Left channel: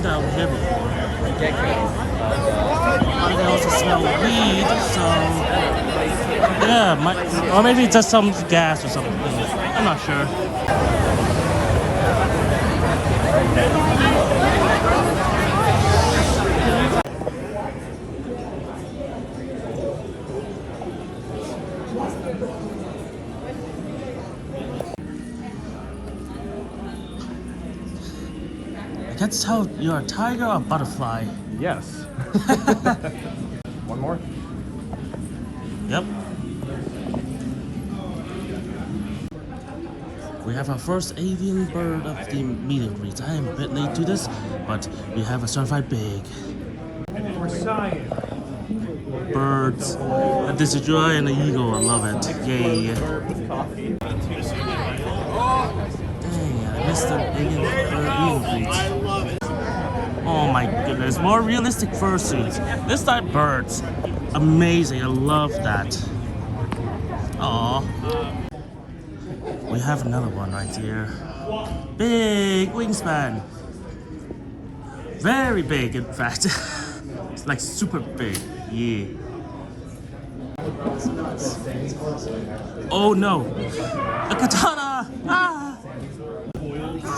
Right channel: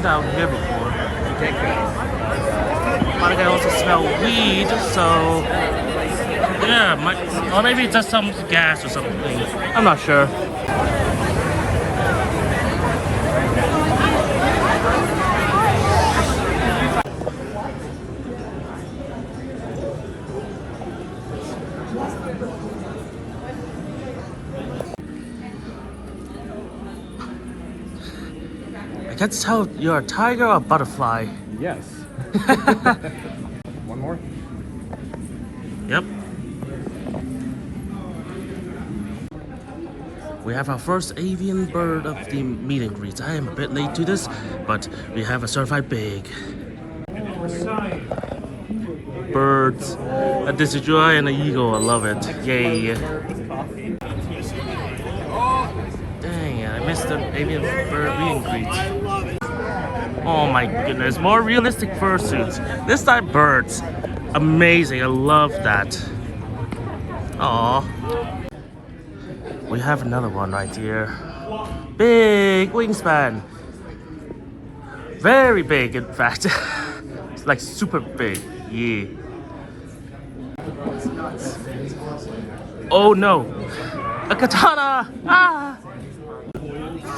been down here before. But I can also smell weed, so yeah, or maybe it's just some gas or something. I'm not sure. I can't tell you're a tiger or a butterfly. Yes. One more? Yep. We have our first avian bird of the meet and greet. I am a bit late to this, but we have a certified big. Birds. A Decidueye and an eagle. I love it. Yay. Dang, I missed the avian bird meet and greet. Oh my goodness, more realistic fursuits. This time birds. Amazing, I love that. Aww. We have another one right here. Big wingspan. Very big, in fact. It's like super big. Yeah. Oh no. A katana! Ah!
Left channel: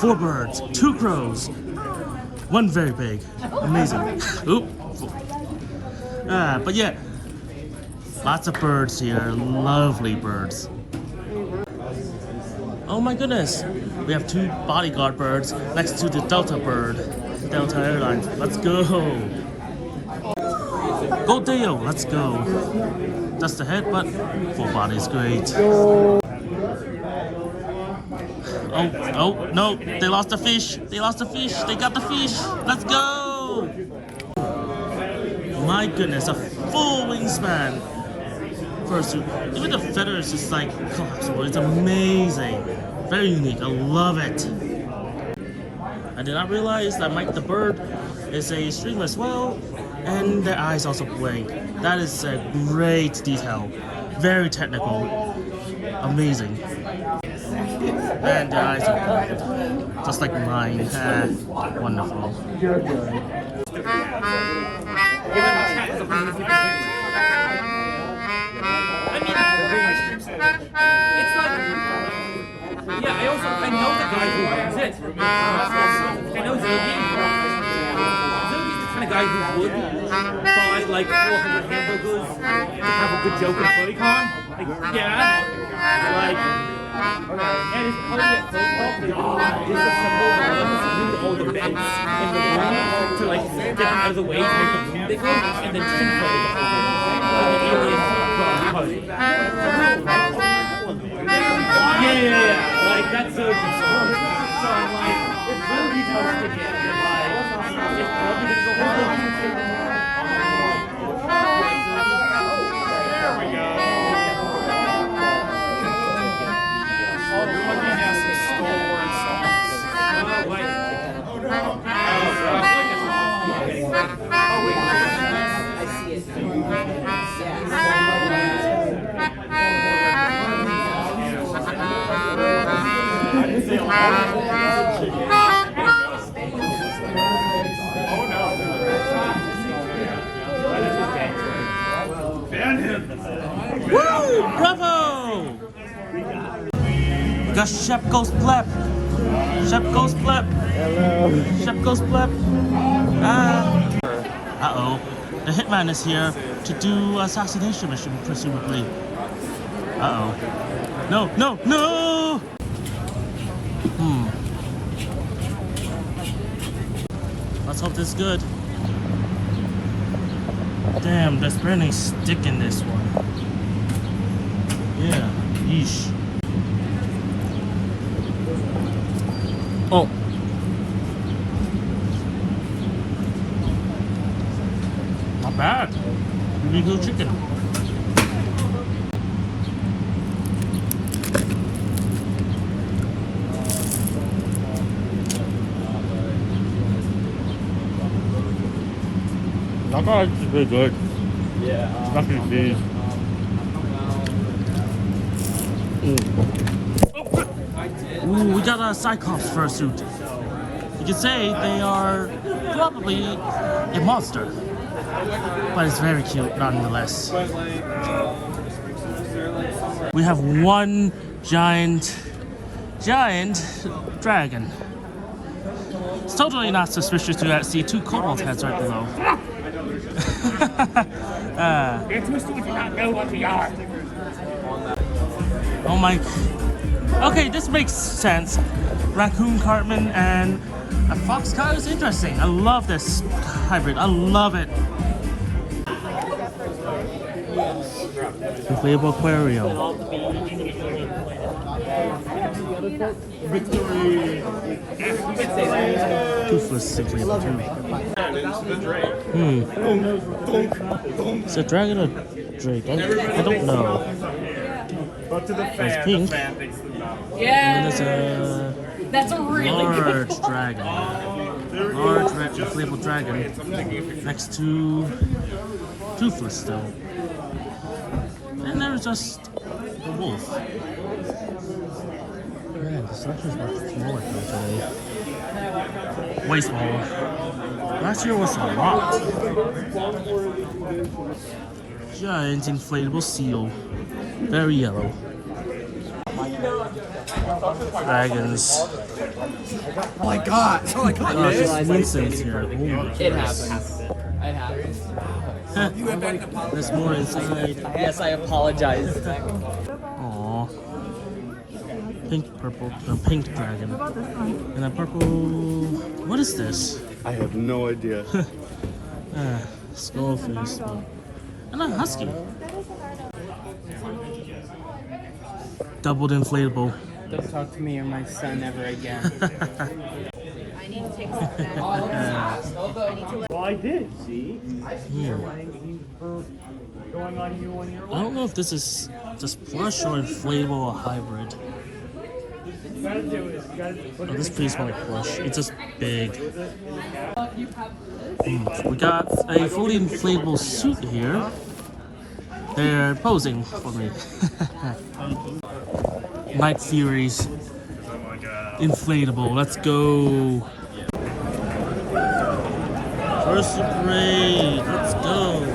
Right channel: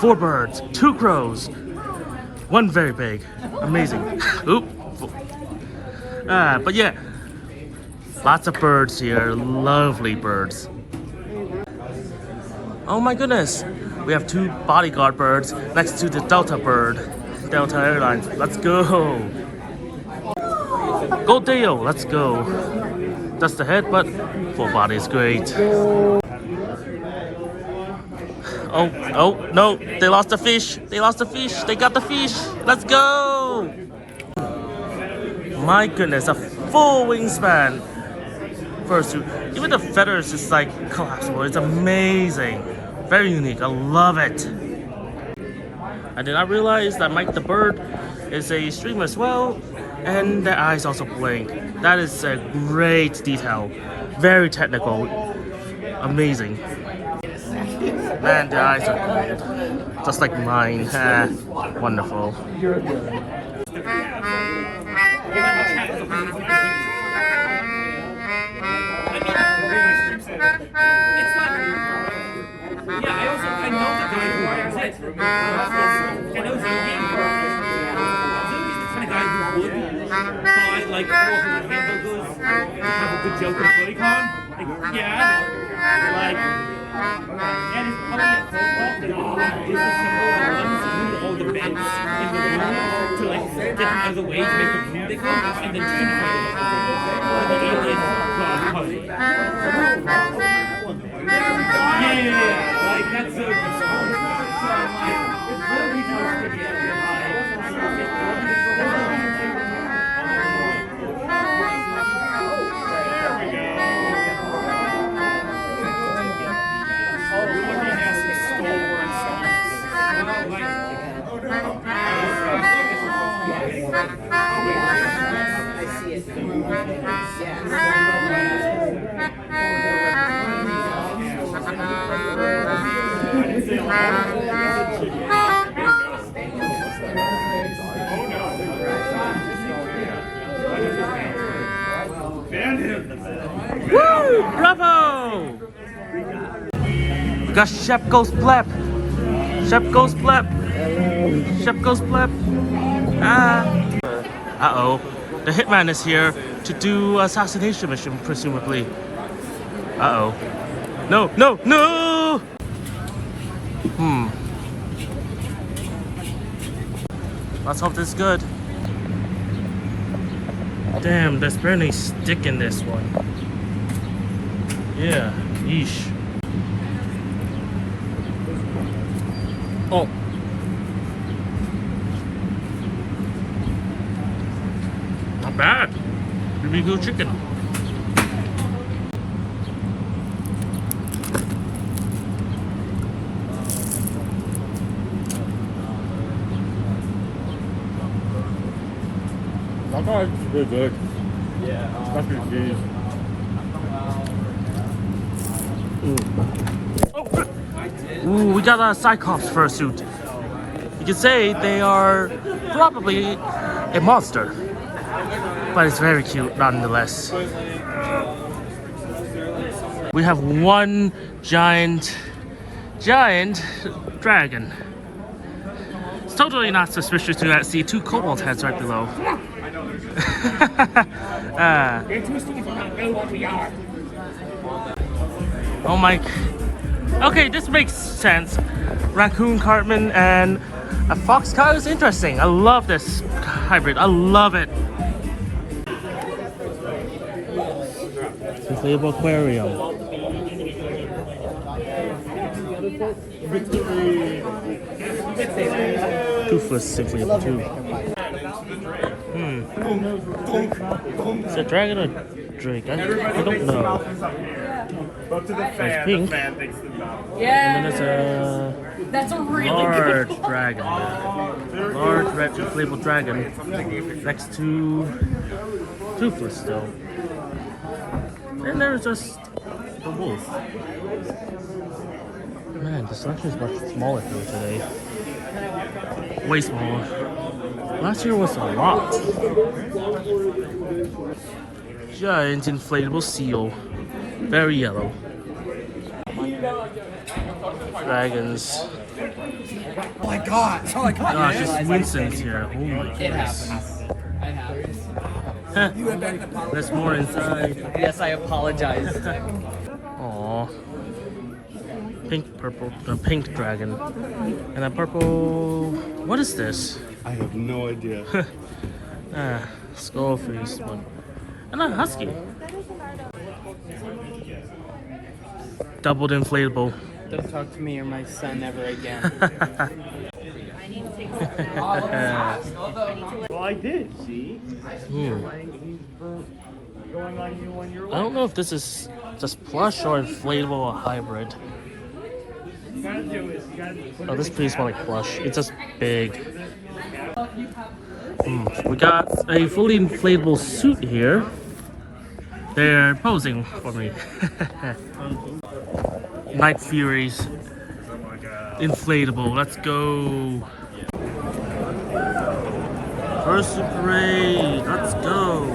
4 birds, 2 crows. 1 very big. Amazing. Oop. But yeah. Lots of birds here. Lovely birds. Oh my goodness. We have 2 bodyguard birds next to the Delta bird. Delta Airlines. Let's go. Go Dale. Let's go. That's the head, but full body is great. Oh, no. They lost the fish. They lost the fish. They got the fish. Let's go. My goodness. A full wingspan. Fursuit. Even the feathers is like collapsible. It's amazing. Very unique. I love it. I did not realize that Mike the bird is a streamer as well, and their eyes also blink. That is a great detail. Very technical. Amazing. Man, their eyes are just like mine. Wonderful. I know the guy who runs it. I know Zoe. Zoe's the kind of guy who would buy like 400 hamburgers to have a good joke at FurryCon. Like, yeah. Like, and it's probably at Sergal, they disassemble the ones who all the beds in the room to like get them out of the way to make them beautiful, and then chin play the whole thing. Like the alien yeah. Like that's so Woo! Bravo! We got Chef Ghost Blep. Chef Ghost Blep. Hello. Chef Ghost Blep. Uh-oh. The hitman is here to do assassination mission, presumably. Uh-oh. No, no, no! Let's hope this is good. Damn, there's barely stick in this one. Yeah, yeesh. Oh. Not bad. BBQ chicken. That guy is really good. Yeah. Especially these. Ooh, we got a Cyclops fursuit. You could say they are probably a monster, but it's very cute nonetheless. We have one giant dragon. It's totally not suspicious to see two cobalt heads right below. They're too stupid to not know what we are. Oh my. Okay, this makes sense. Raccoon Cartman and a fox cow is interesting. I love this hybrid. I love it. Inflatable Aquarium. Toothless inflatable too. Is it a dragon or drake? I don't know. It's pink. Yeah. And then there's a That's a really large good dragon. Large red inflatable dragon next to Toothless still. And there's just the wolf. Man, the sun is much smaller here today. Way smaller. Last year was a lot. Giant inflatable seal. Very yellow. Dragons. Oh my god! Oh my god! Gosh, it's Winston's here. Oh my goodness. It happens. There's more inside. Yes, I apologize. Aww. Pink dragon. And a purple. What is this? I have no idea. Skull face one. And a husky. Doubled inflatable. Don't talk to me or my son ever again. Well, I did, see? I don't know if this is just plush or inflatable or hybrid. Oh, this pretty smell like plush. It's just big. We got a fully inflatable suit here. They're posing for me. Night Furies. Inflatable. Let's go. Fursuit parade. Let's go.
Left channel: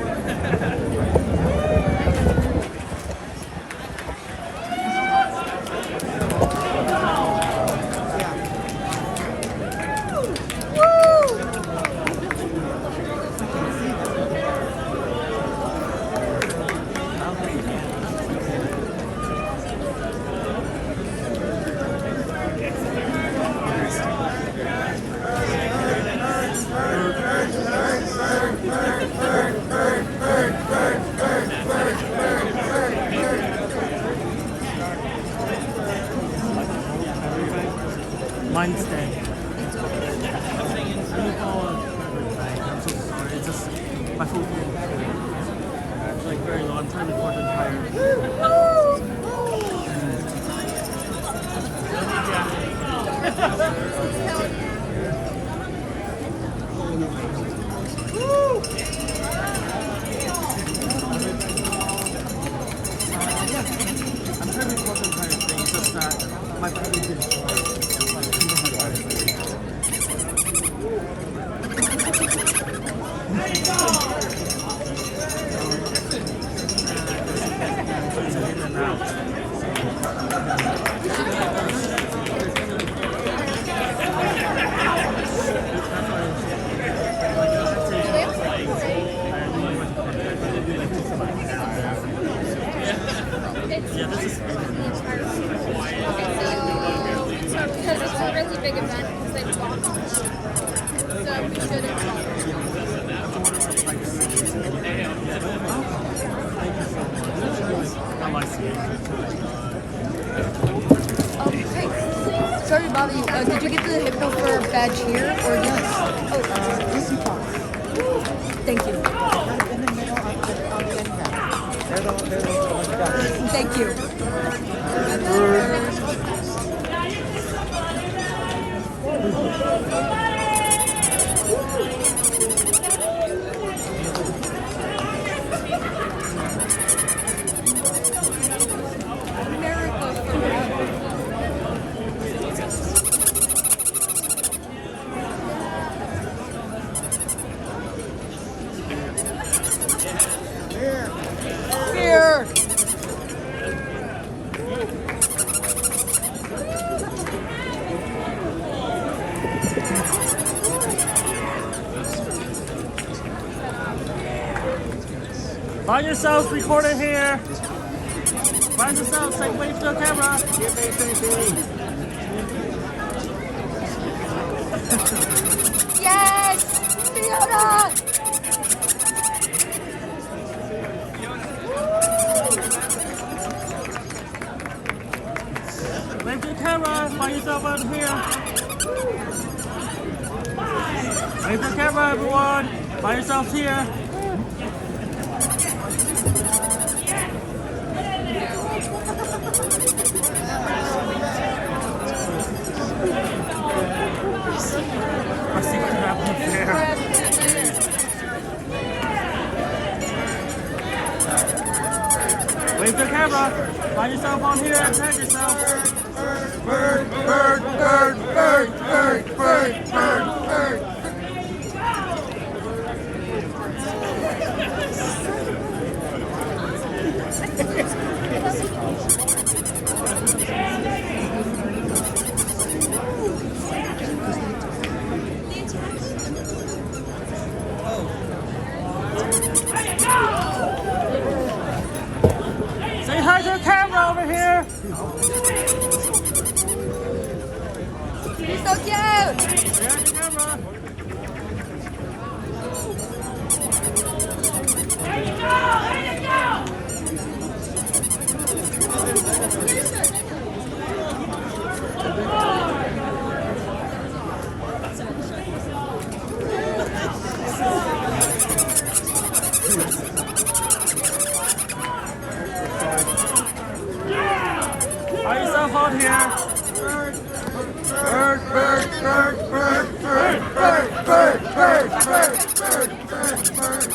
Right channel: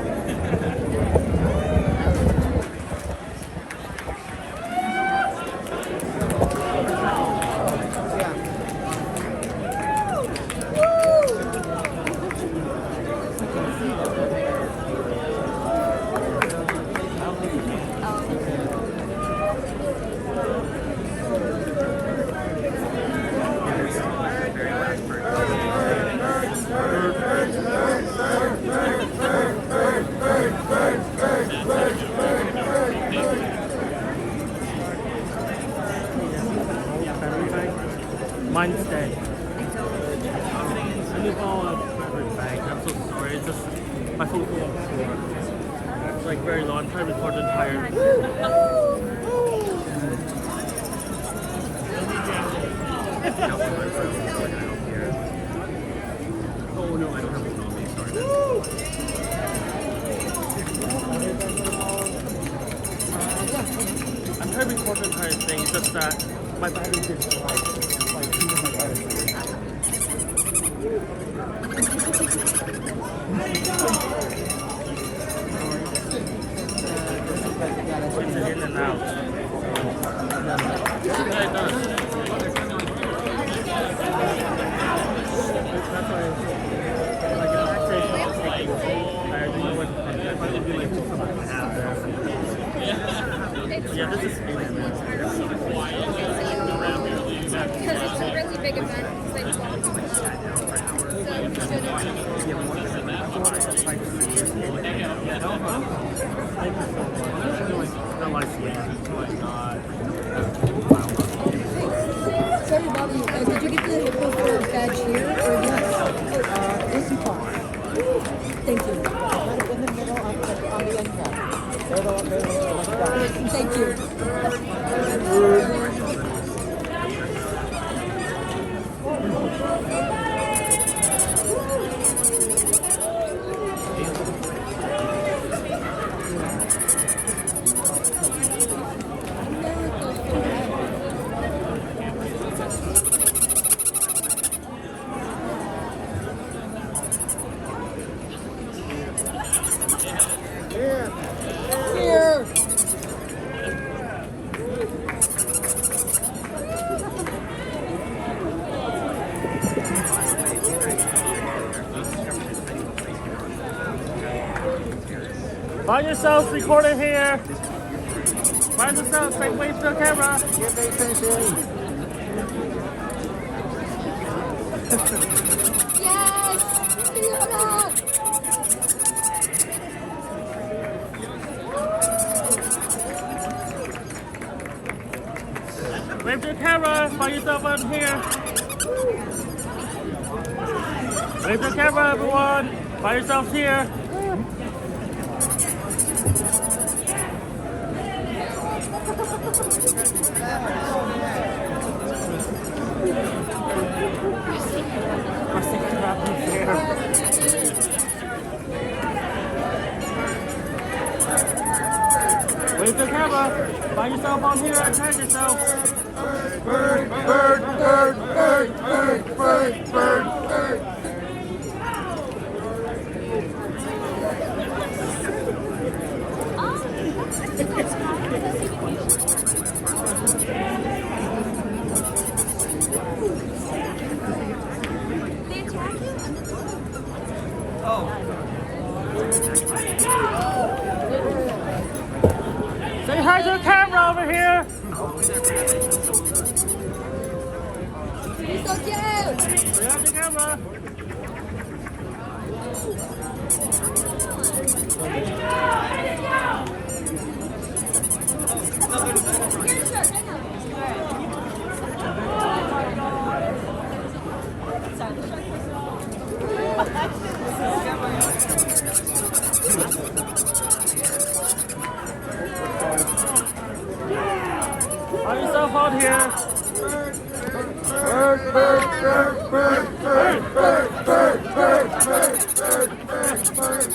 Mine's dead. I'm so sorry. It's just my whole hand. It's like very long. I'm trying to record the entire. Oh no, I don't have it. I'm trying to record the entire thing. It's just that my battery is. By yourselves, record it here. By yourselves, take away from the camera. Yes! Fiona! Wave to the camera. By yourself on here. Wave to the camera, everyone. By yourselves here. Wave the camera. By yourself on here. Tag yourself. Bird, bird, bird, bird, bird, bird, bird, bird. Say hi to the camera over here. You're so cute! Yeah, the camera. There you go! There you go! By yourself on here. Bird, bird, bird, bird, bird, bird, bird, bird, bird, bird, bird, bird.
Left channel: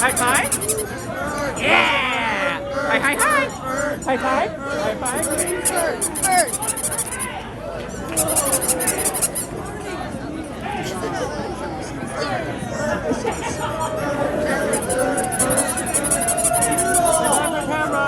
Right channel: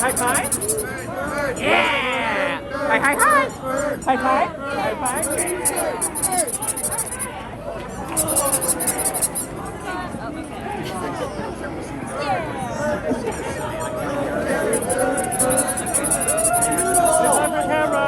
Hi, hi. Yeah. Hi, hi, hi. Hi, hi. On the camera.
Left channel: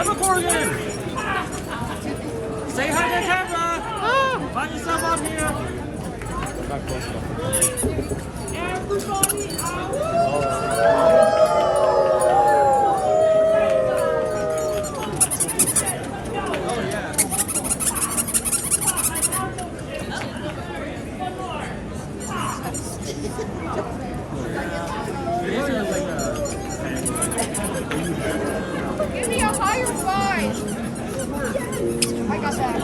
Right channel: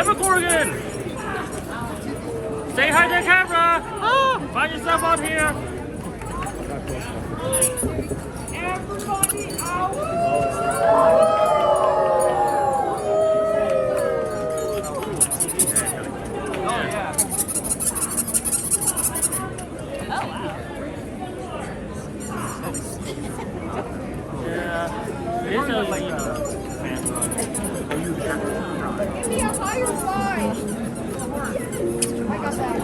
Anthrocon! Say hi to the camera! Find yourself on here! Give me a higher five! I got that.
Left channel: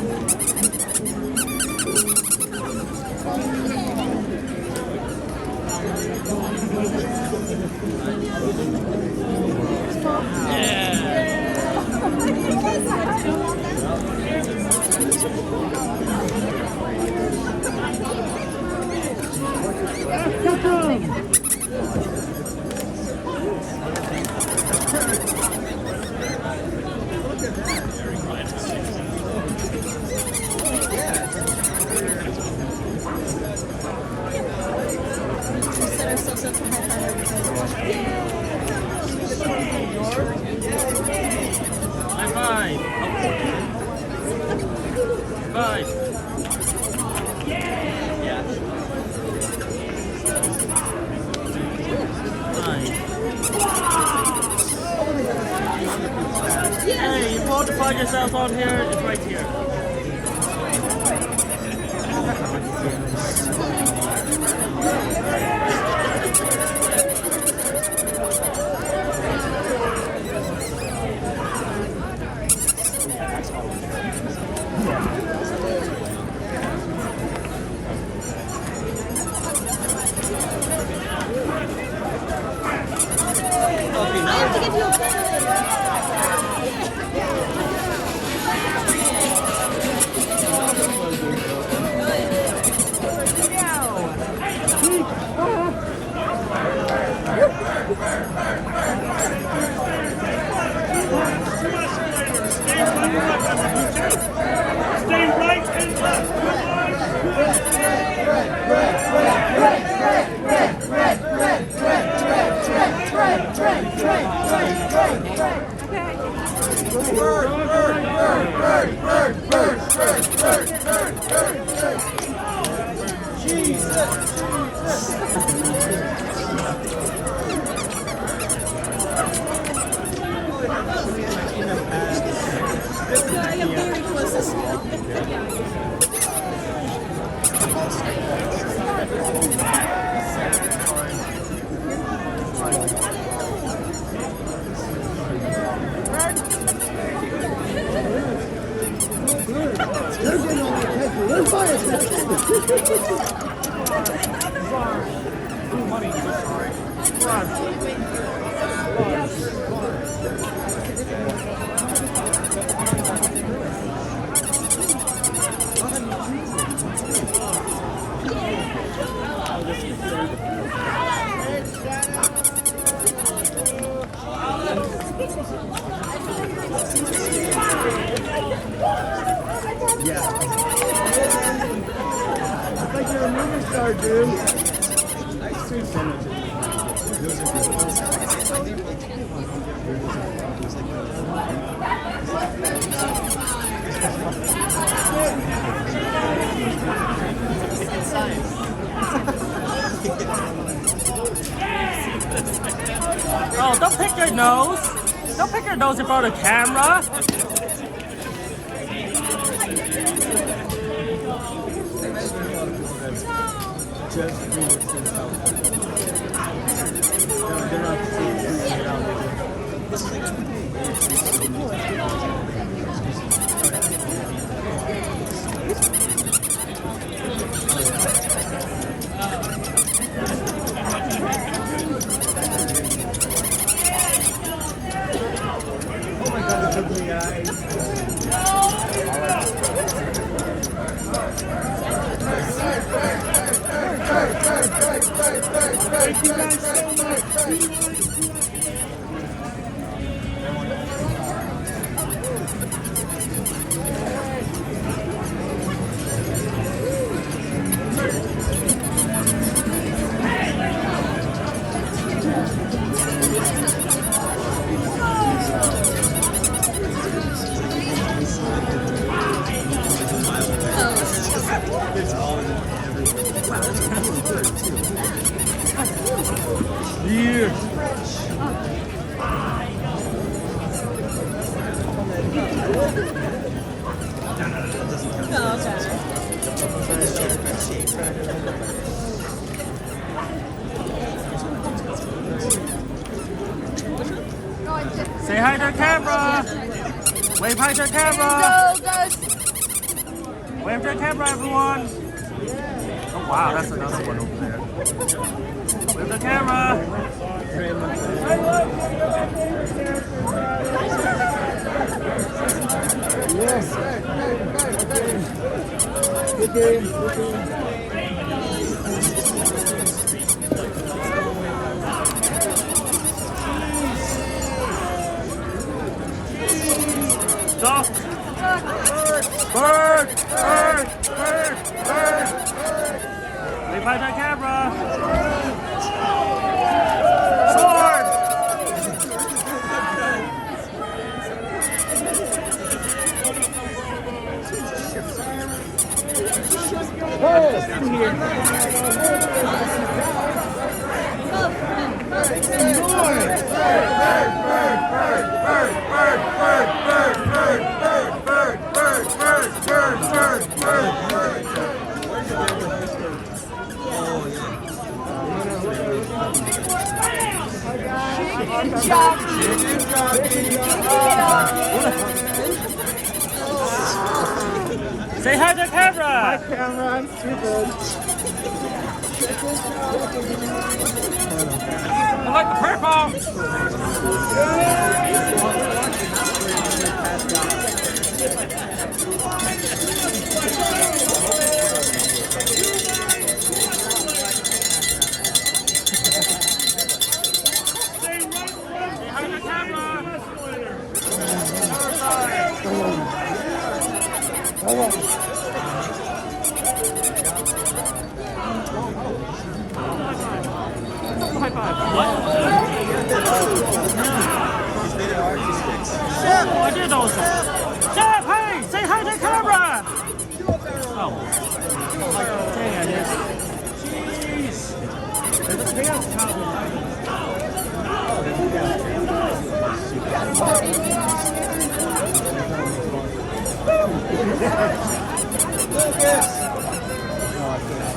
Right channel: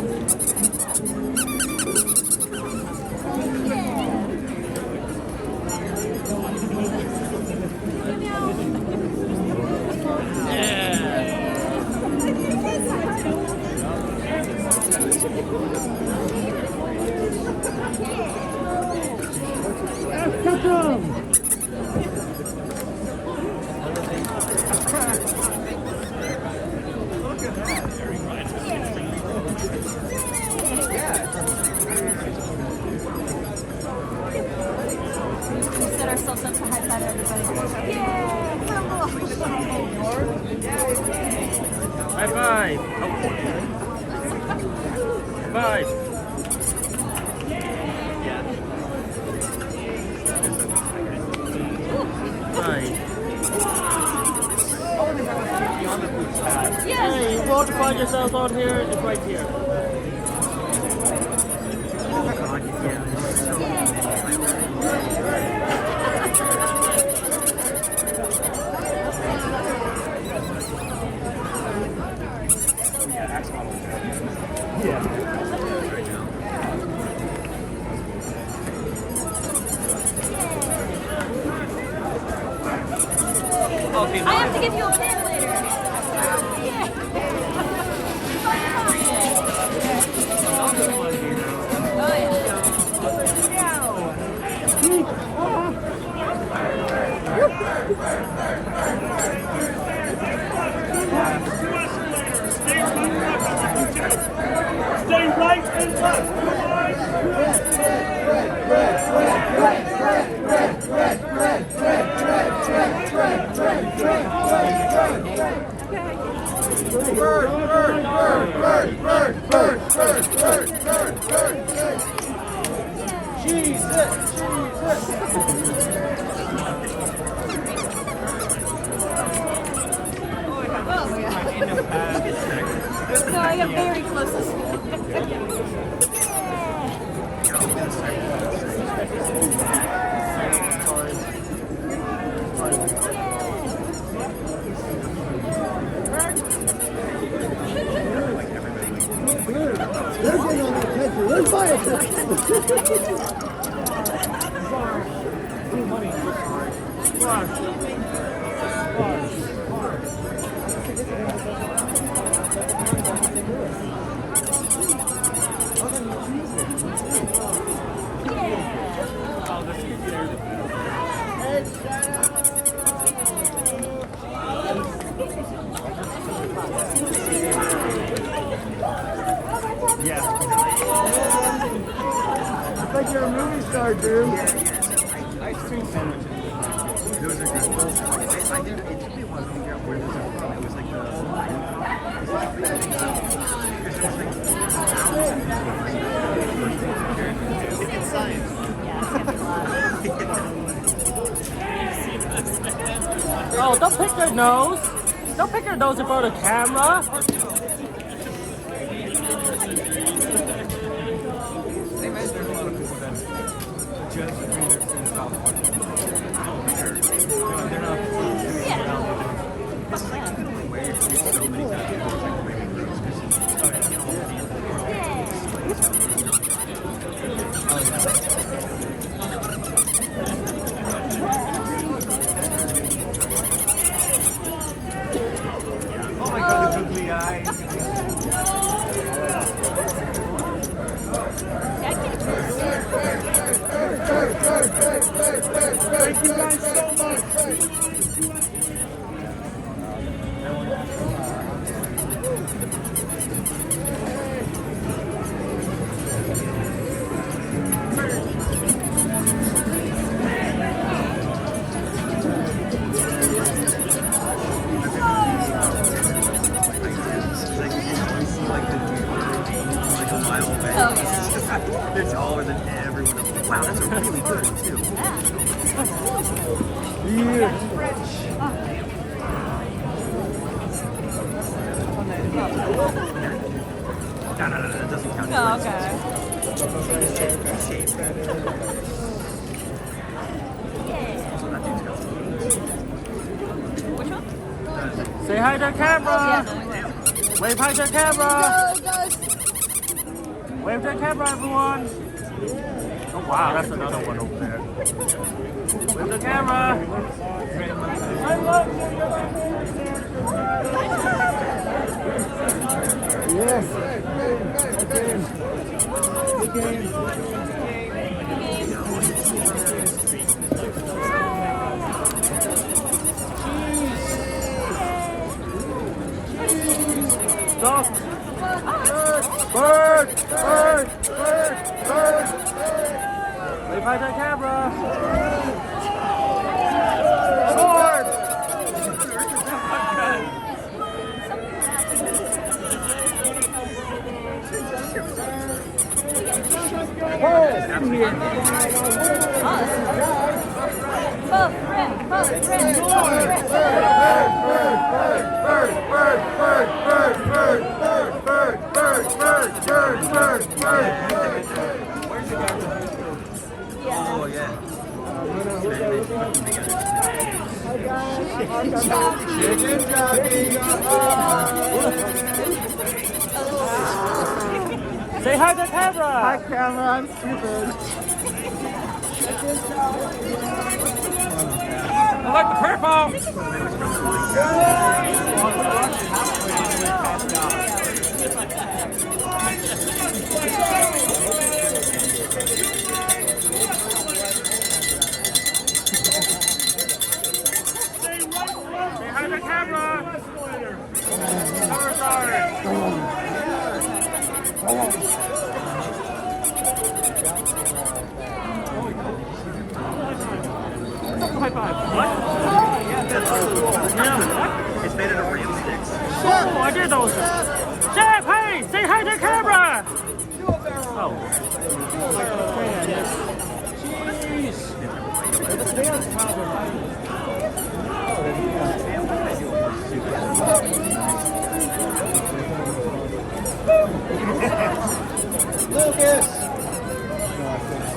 High five. Oh. High five. Hey, you won't find yourself out here. It's right here. Stay right and left. I am very close to school. They're getting on the attention. Let's buy attention. Money. Come on. It's like you're a movie star, dude. Those are good. I did. It took me a while to figure out where those are from. It was like it's science. Oh, don't pick your nose. Don't pick your nose in front of the camera. Thank you guys so much. They're taller than everyone else. Wow, that's a really good one too. Yeah. No, that doesn't count. Say hi to the camera. Wave hi to the camera. Go, guys. Wave to the camera, everyone. Oh, wow, that's another one over there. Wave to the camera. Yes. Good game. Stop. Bird. Wave hi to the camera. Sword. in here. Oh, yeah. Say hi to camera. Hi, camera. I'm stupid. I like the purple. Behind the camera. High five. What? It's made out of rain sticks. Oh, I did those. Jeff, hey, say hi to camera. Oh.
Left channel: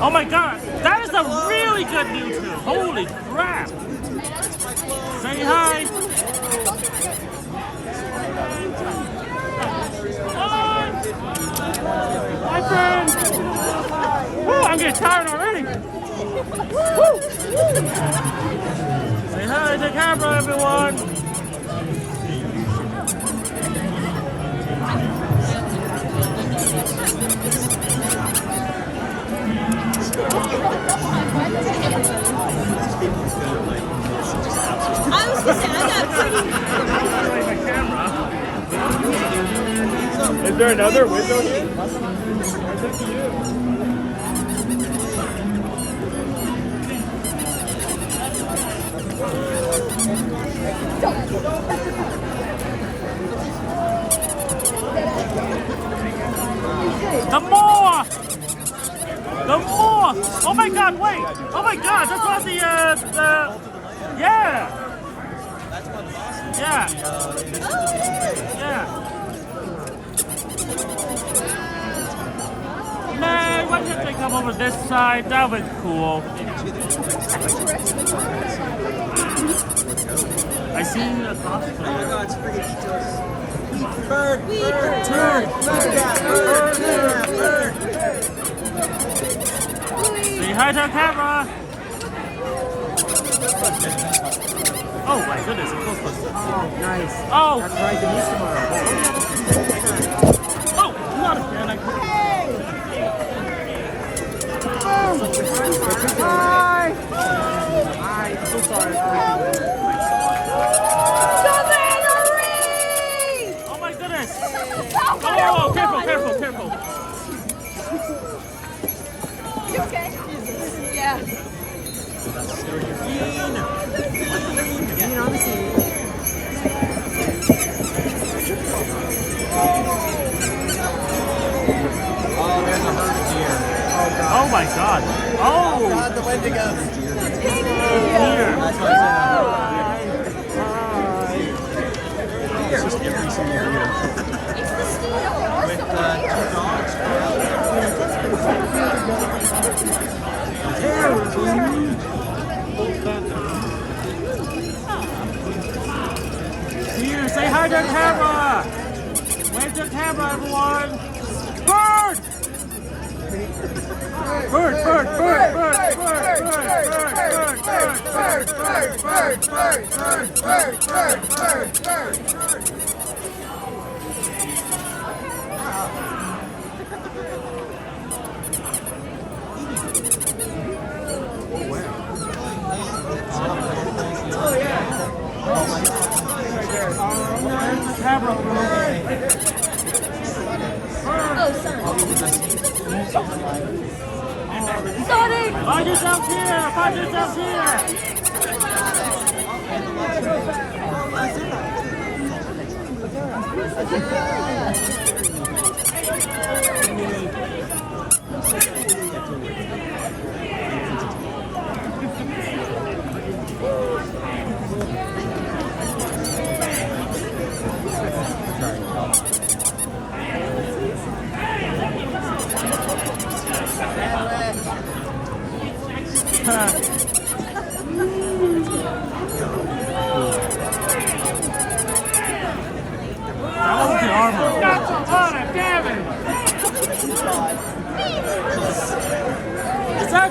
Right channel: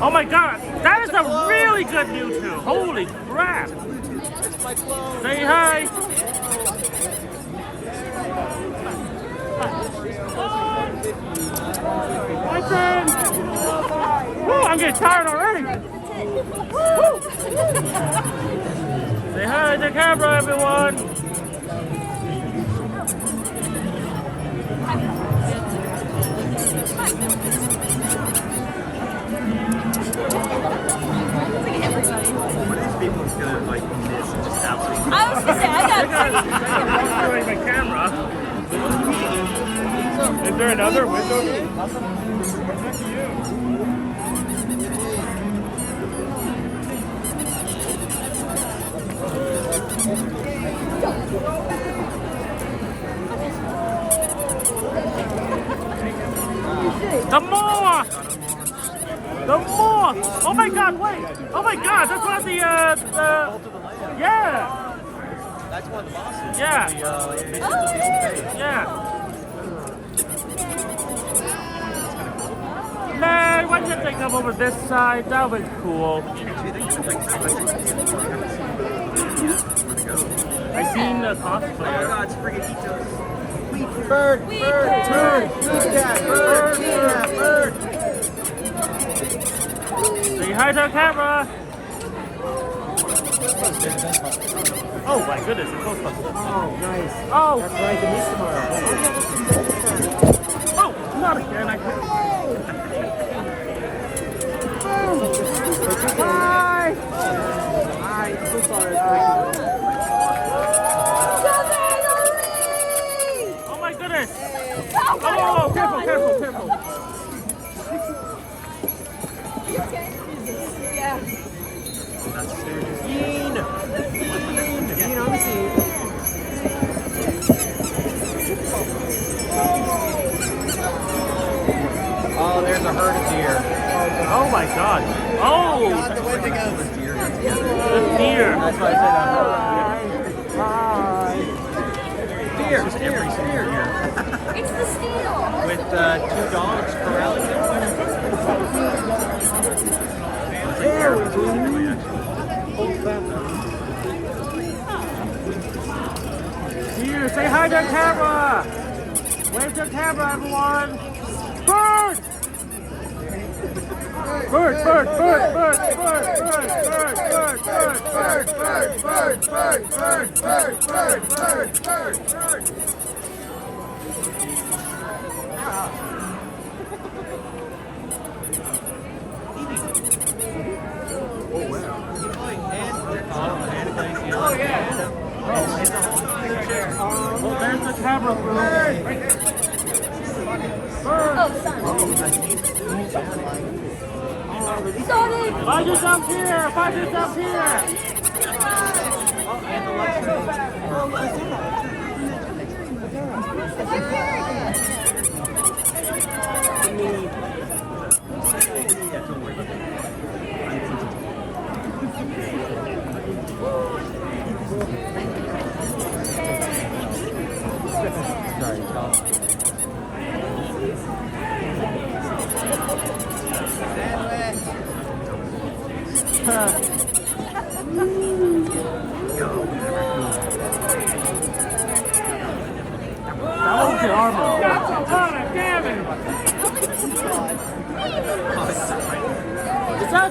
Oh my God, that is a really good YouTube. Holy crap. Say hi. Hi, friend. Woo, I'm getting tired already. Say hi to camera, everyone. These people are gonna like miss and just absolutely. I was gonna say, I got Is there another window? The more! The more! Oh my God, wait! Oh my God, that's not the, yeah! Yeah! Yeah! Man, why didn't they come over this side? That would be cool. I seen the cosplay. Oh my God, it's freaking Ethos. Bird. Say hi to our camera. Oh my goodness, it's close. Oh, nice. Oh! That's right, the missing Oh! Not a fan, I couldn't. Hi! Hi, I'm so sorry. Hi. Oh my goodness! Oh my Oh, God! careful. You okay? Yeah. Oh, there's a herd of deer. Oh my God! Oh! God, the way to go. Deer. Here! That's what I said. Hi! It's just every single year. With 2 dogs. Here, say hi to the camera! Where's the camera, everyone? Bird! Where's the camera? Sonic! Find yourself here!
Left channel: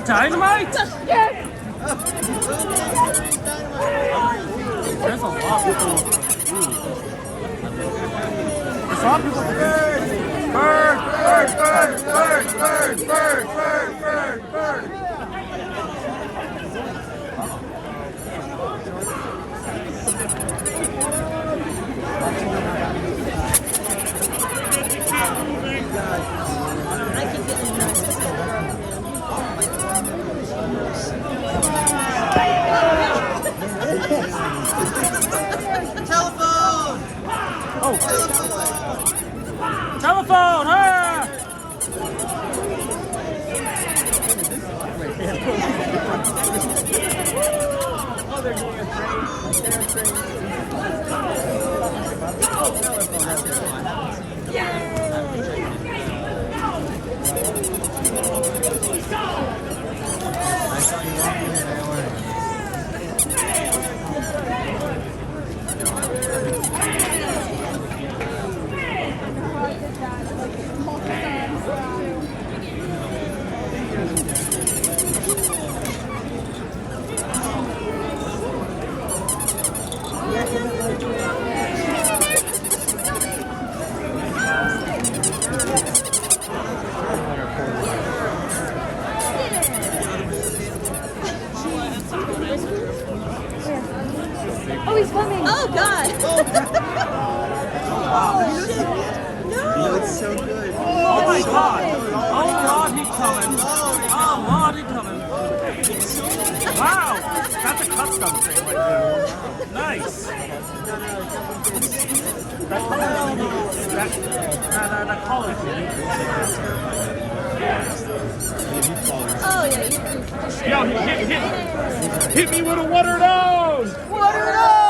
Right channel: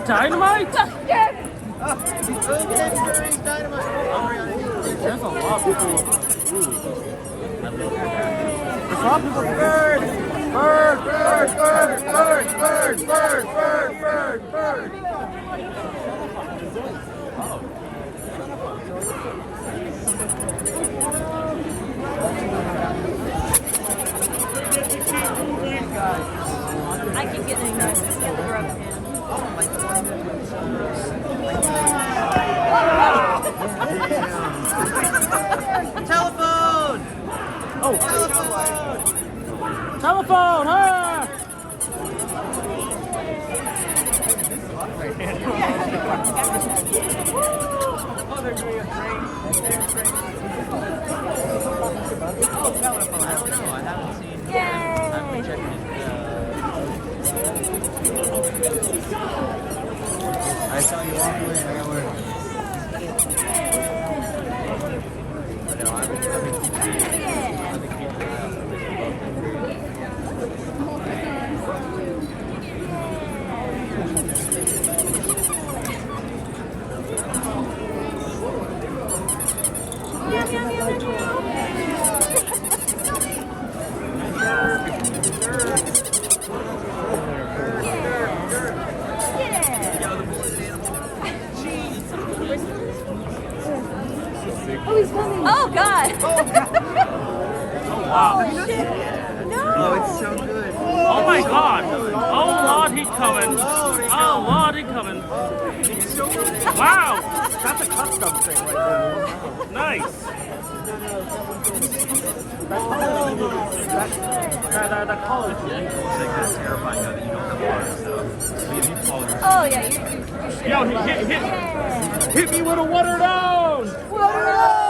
Dynamite? Telephone! Ah! Oh, he's coming. Oh, God. Oh, it's so good. Oh my God! Oh Lord, he's coming! Oh Lord, he's coming! Wow! That's a custom thing right there. Nice. The colors. Yo, hit me with a water nose! Water nose!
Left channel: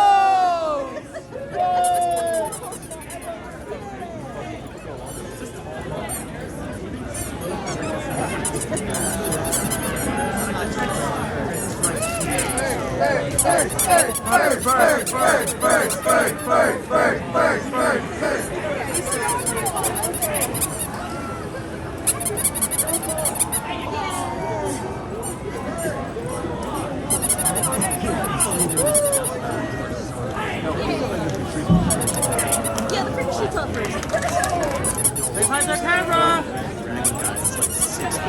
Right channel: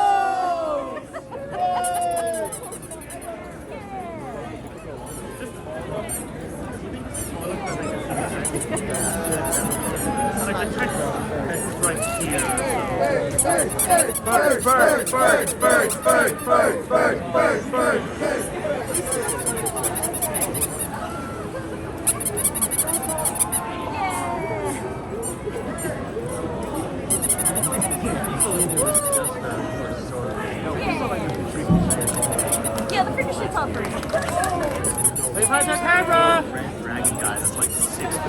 Right there, camera! Dragon guy that's like 6 foot.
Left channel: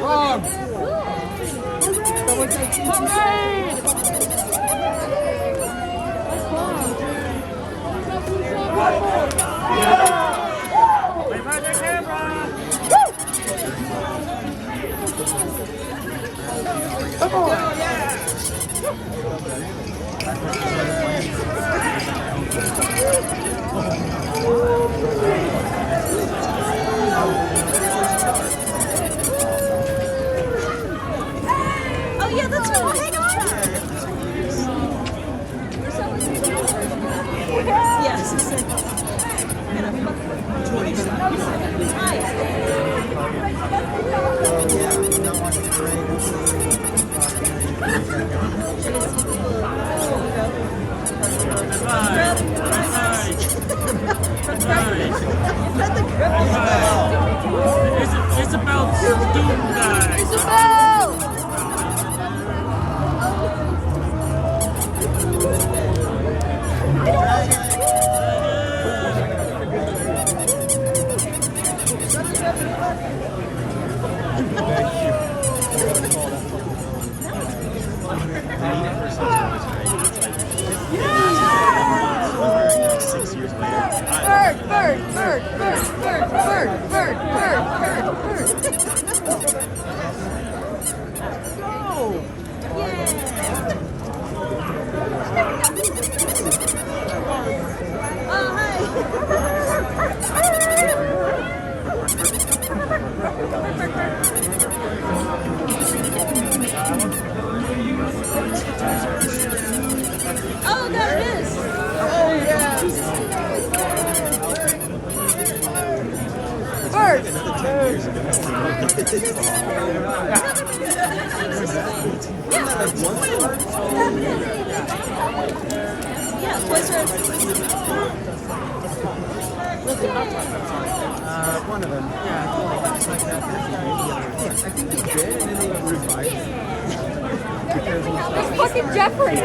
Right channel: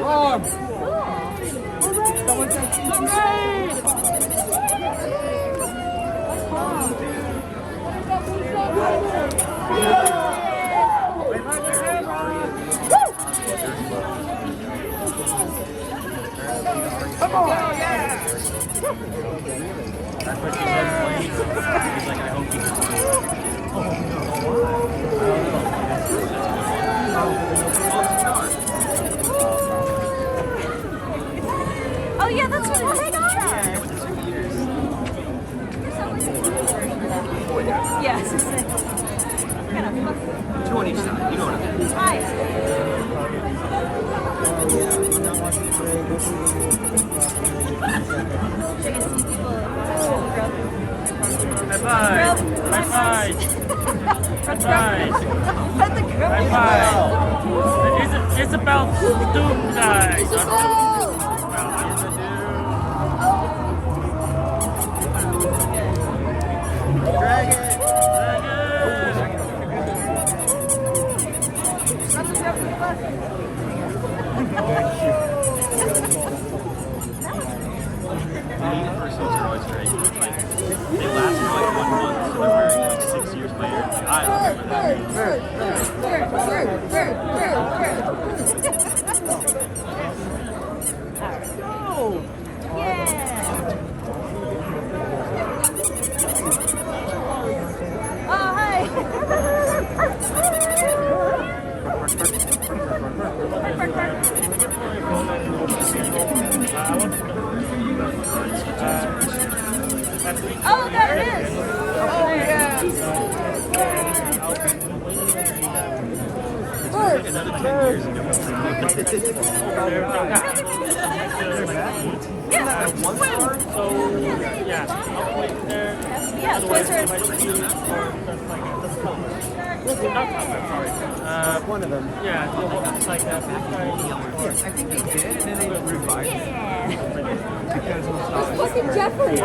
Wrong! Parade! Oh, yeah, that's cool. Hang on. Yes. 2 on each side. You know what I mean. High five! High five! High five! High five! It's about student guys! Isabel! Oh, there it is. Oh, yeah. Bird! Another 10 years ago. One of them. It's fucking Jeffrey.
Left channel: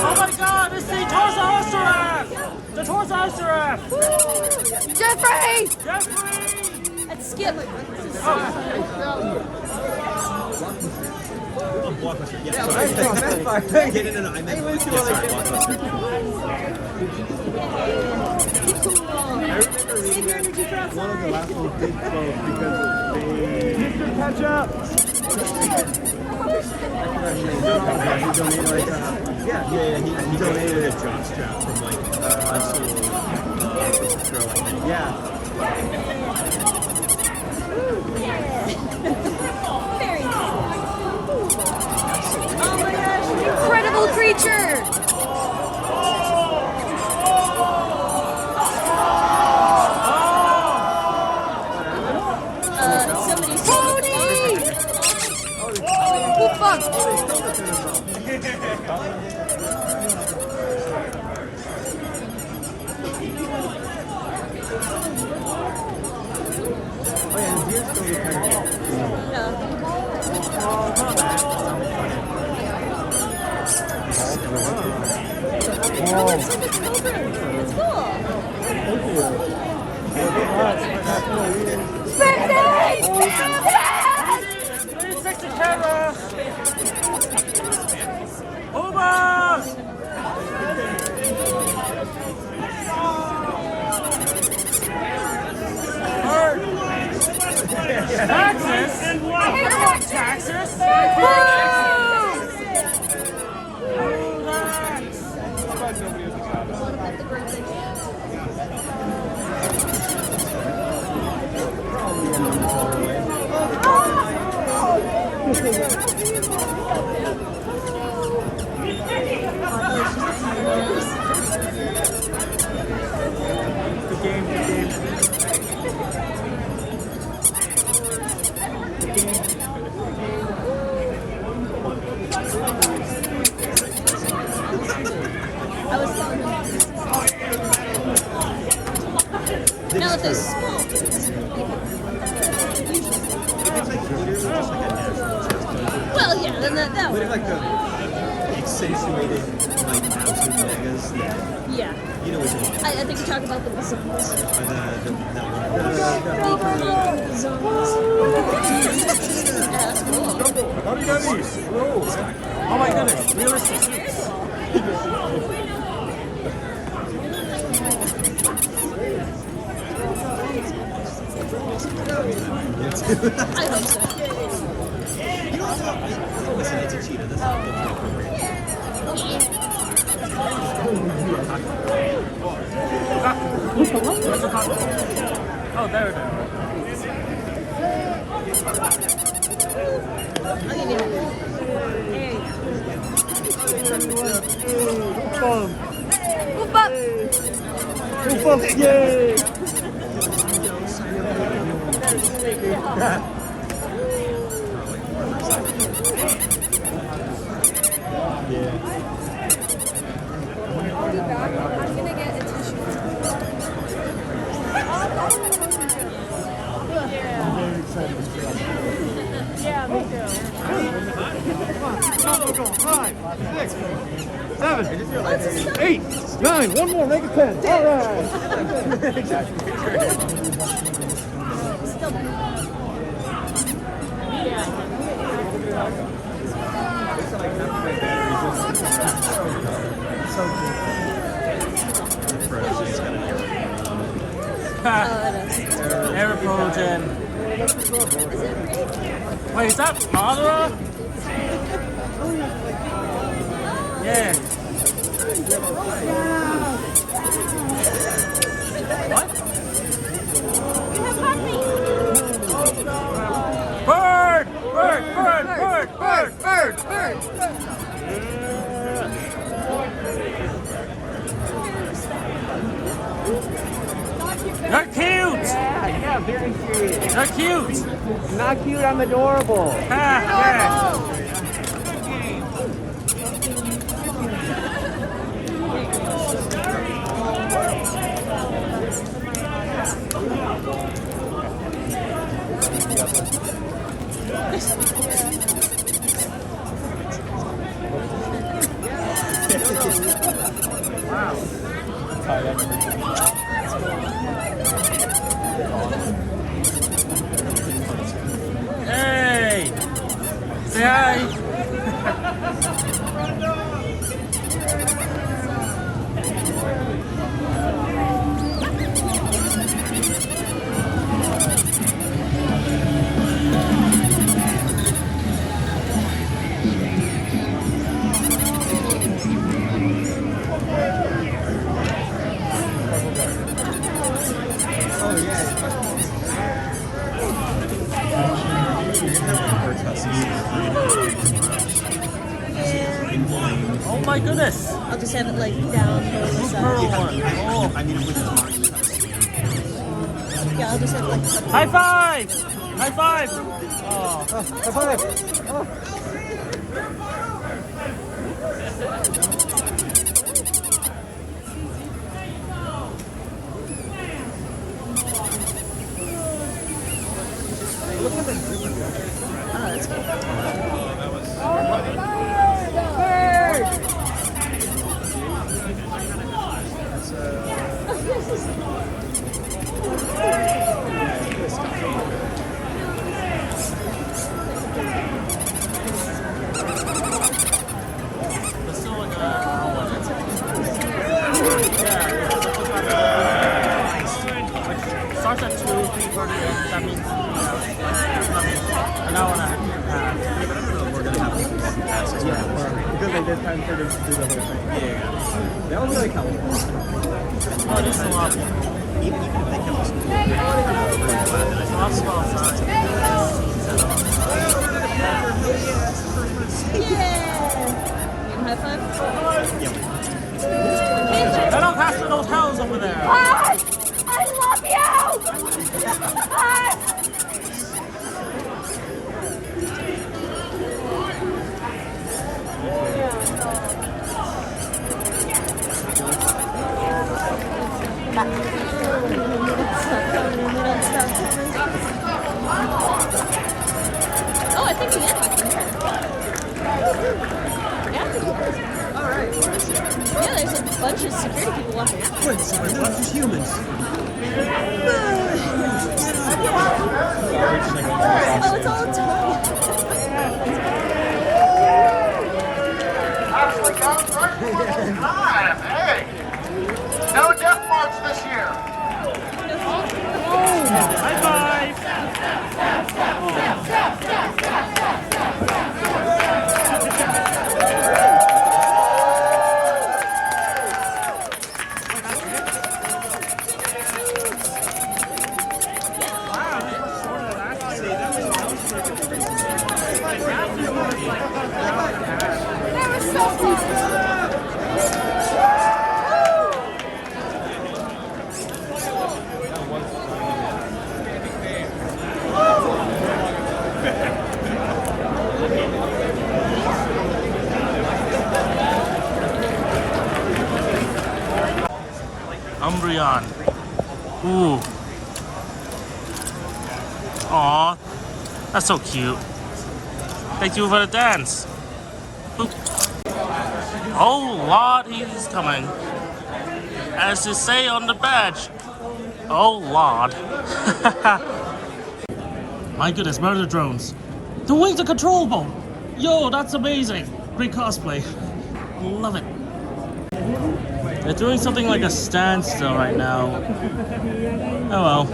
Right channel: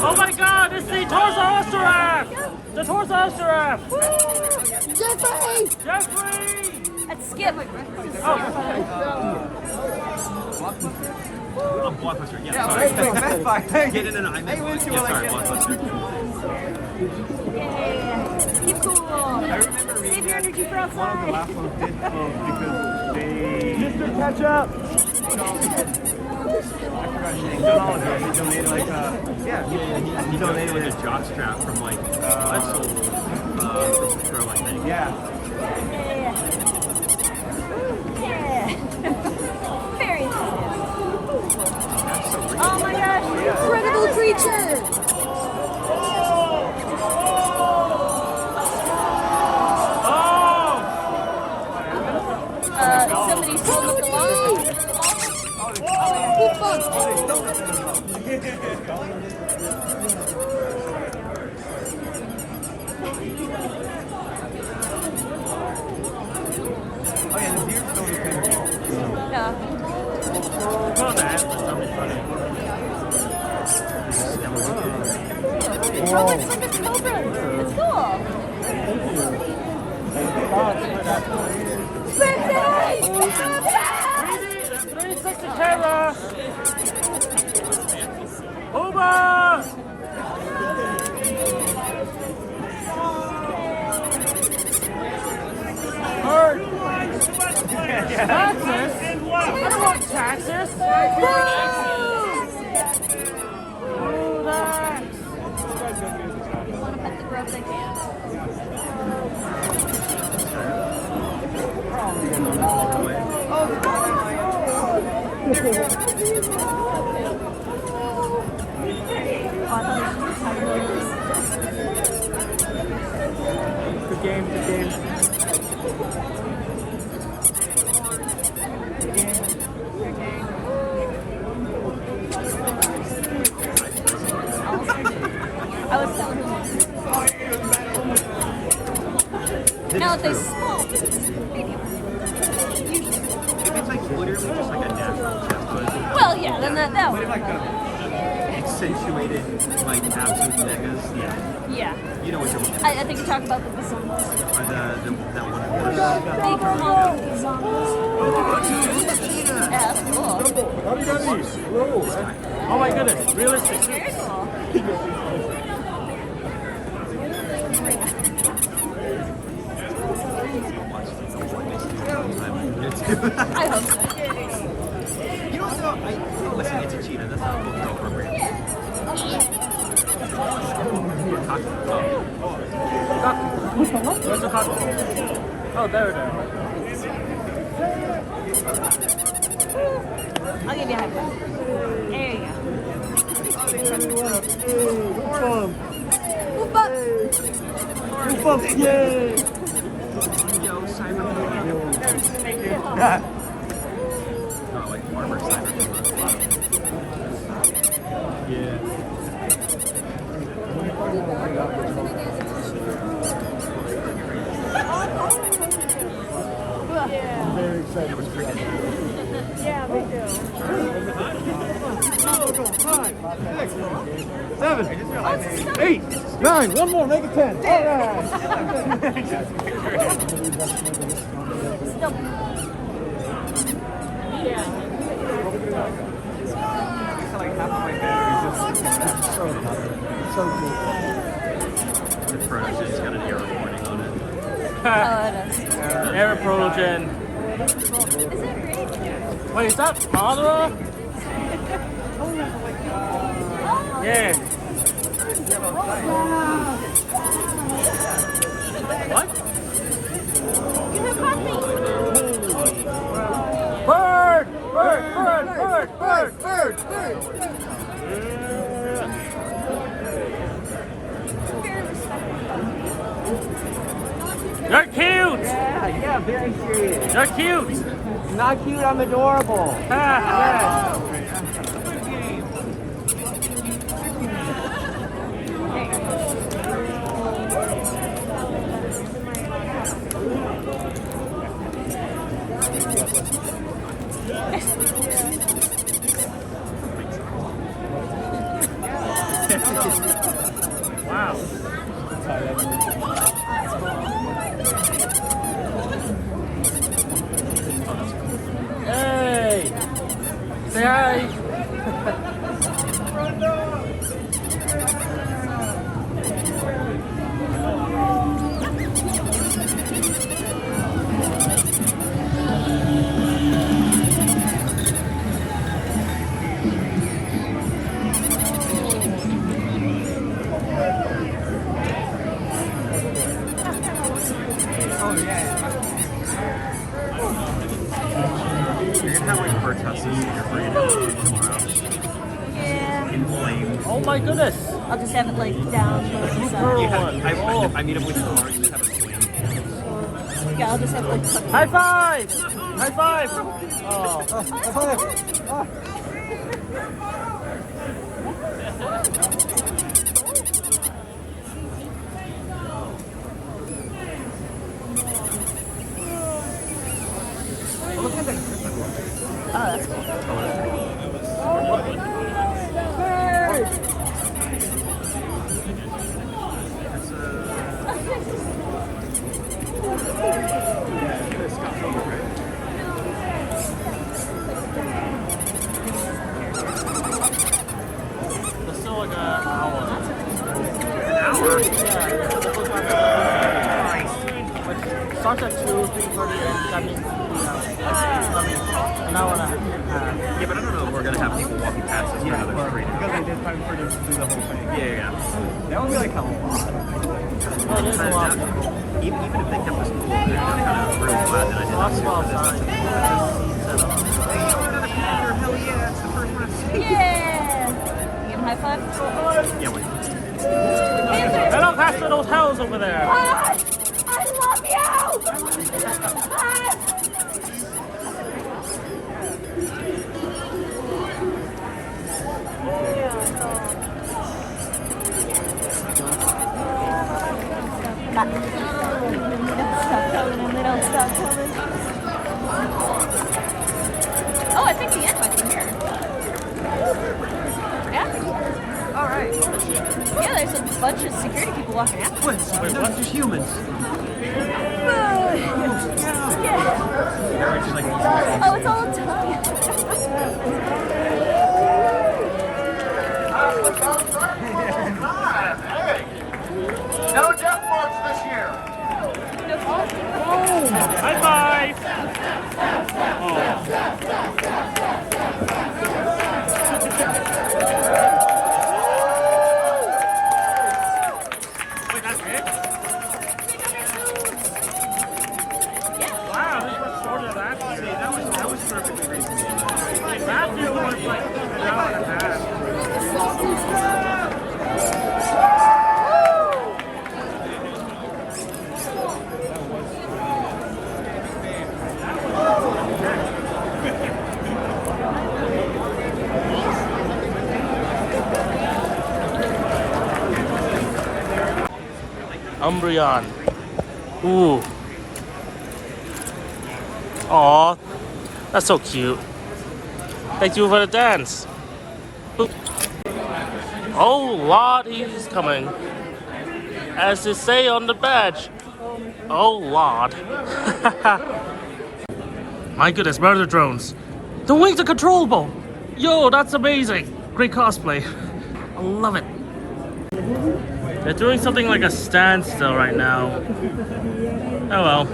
Oh my god, it's the Toys giraffe! The Toys giraffe! Jeffrey! Jeffrey! That's Skip. Blockbuster, yeah, sorry. Yeah, no, I meant, yeah, sorry, Blockbuster. Mr. Ketchup! Yeah, he donated like a jock strap from like a soul pro, I think. Yeah. Incredible creature! Pony! Oh fuck! Good game, good game. This is true. It's like literally just like a natural chest buzz. Well, yeah, then that With like a accentuated, like absolute megas. Yeah. yeah. You know what you're talking I think you're talking about the zombies. Or that one horse. How do you got these? Whoa. Oh my goodness, realistic suits. You know what though? Listen, it's a cheetah. That's not appropriate. Oh, there we go. Everyone, hey, hoop bump. Whoop up! Hoop bump, yay! Yeah. I'm gonna get a tissue. Yeah, me too. Oh, we're going 5, 6, 7, 8, 9. One more, make it 10. The Frozen's got an air recording on it. Air Prologen. Wait, is that Adra? Yeah. What? You have coffee! Bird! Bird! Bird! Bird! Bird! You're cute! Yeah, very serious. They're cute. I'm not cute, I'm adorable. Hey! Say hi! Oh my goodness! I'll just have it like down. I need a blue tomorrow. Just have a swing. Yeah, I'll just have like. High five! High five! Oh. Yeah, but I don't know if we're gonna have people walking past us on another street. Yeah. Even if they kept us cool, I'm kind of really glad that I did not suit for this. That's okay. Another picture, hell yeah, it's the first one I've seen. Give him a high five. Yeah, wait. Hello, Pastor, those hells over there! I love you! Oh, I think we get it. Yeah, there's a bunch of security people walking. What? They're not just humans. Actually, guys, right time. Hey, no death march this year. High five! Wow, this was shorter than that. See, that was perfectly reasonable. Matthew was like, That was so cool. Umbreon. Ooh. Aw, that's so cute. Thank you for the dance. Boop. Oh Lord, he's coming. As they say on the badge. Oh Lord. My goodness, murder drones. The wings are controllable. Yo, that's amazing. Great cosplay. I love it. They're doing something like a standstill right now. Oh well.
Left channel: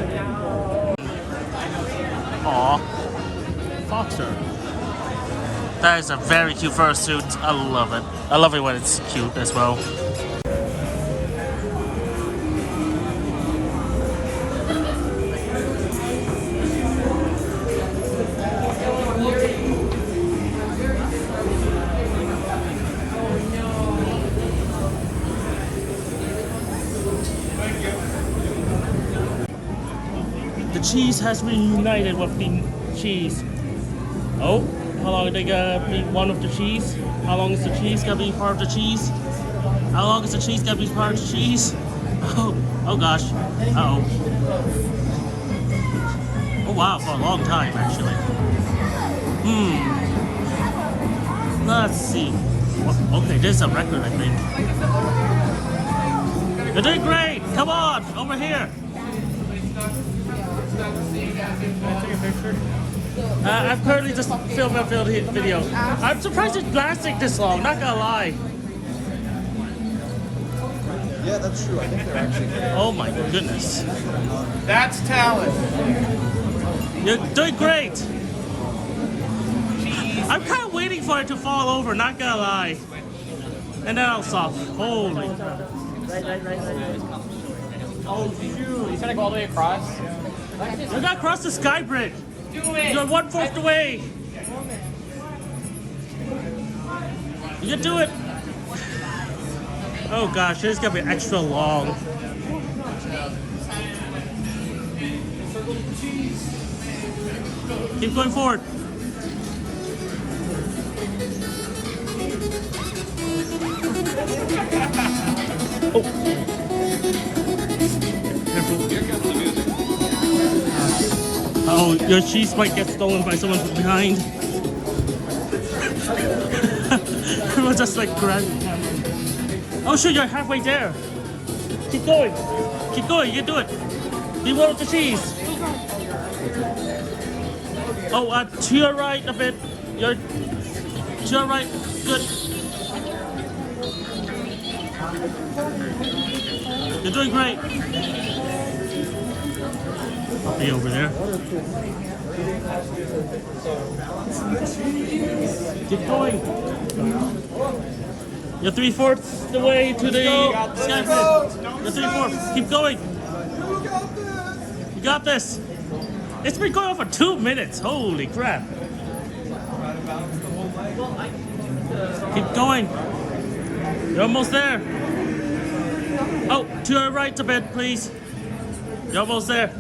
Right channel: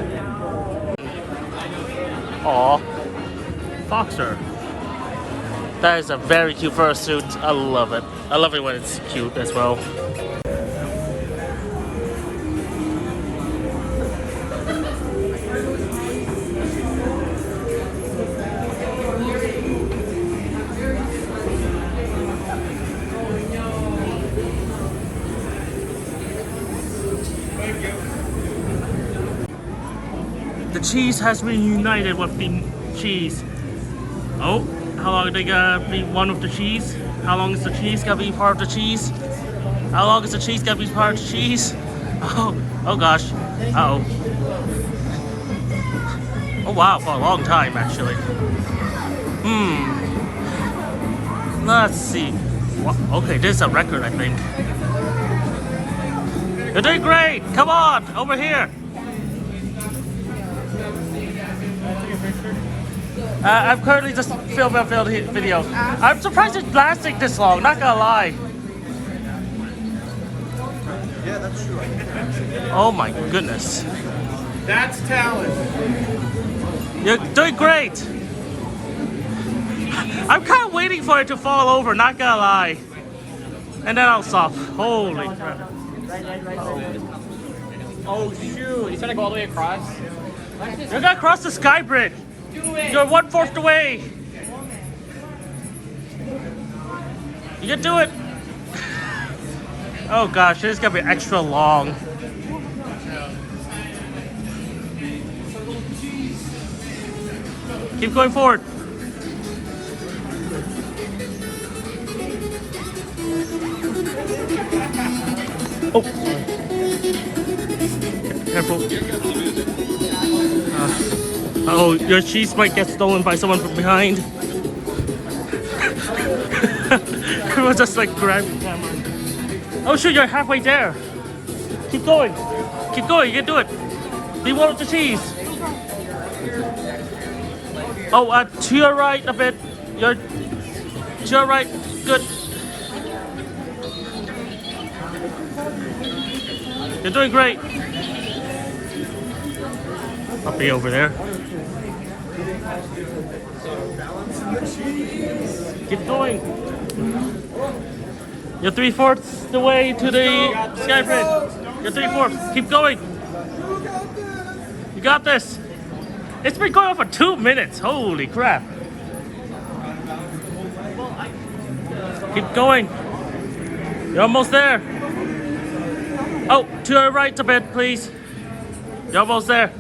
Aw. Foxer. That is a very cute fursuit. I love it. I love it when it's cute as well. cheese has reunited with the cheese. Oh, how long are they gonna be one with the cheese? How long is the cheese gonna be part of the cheese? How long is the cheese gonna be part of the cheese? Oh gosh. Uh-oh. Oh wow, for a long time actually. Let's see. Okay, this is a record, I think. You're doing great! Come on, over here! I'm currently just filming a video. I'm surprised it's lasting this long, not gonna lie. Oh my goodness. That's talent. You're doing great! I'm kind of waiting for it to fall over, not gonna lie. And then I'll stop. Holy crap. Oh shoot! He's gonna go all the way across. You're gonna cross the sky bridge. Do it! You're 1/4 away. You can do it. Oh gosh, this is gonna be extra long. Keep going forward. Careful. Oh, your cheese might get stolen by someone from behind. Everyone's just like grabbing the camera. Oh shoot, you're halfway there. Keep going. Keep going, you can do it. Leave one with the cheese. Oh, to your right a bit. To your right. Good. You're doing great. I'll be over there. Keep going. You're 3/4 the way to the sky bridge. You're 3/4. Keep going. You got this. It's been going on for 2 minutes. Holy crap. Keep going. You're almost there. Oh, to your right a bit, please. You're almost there.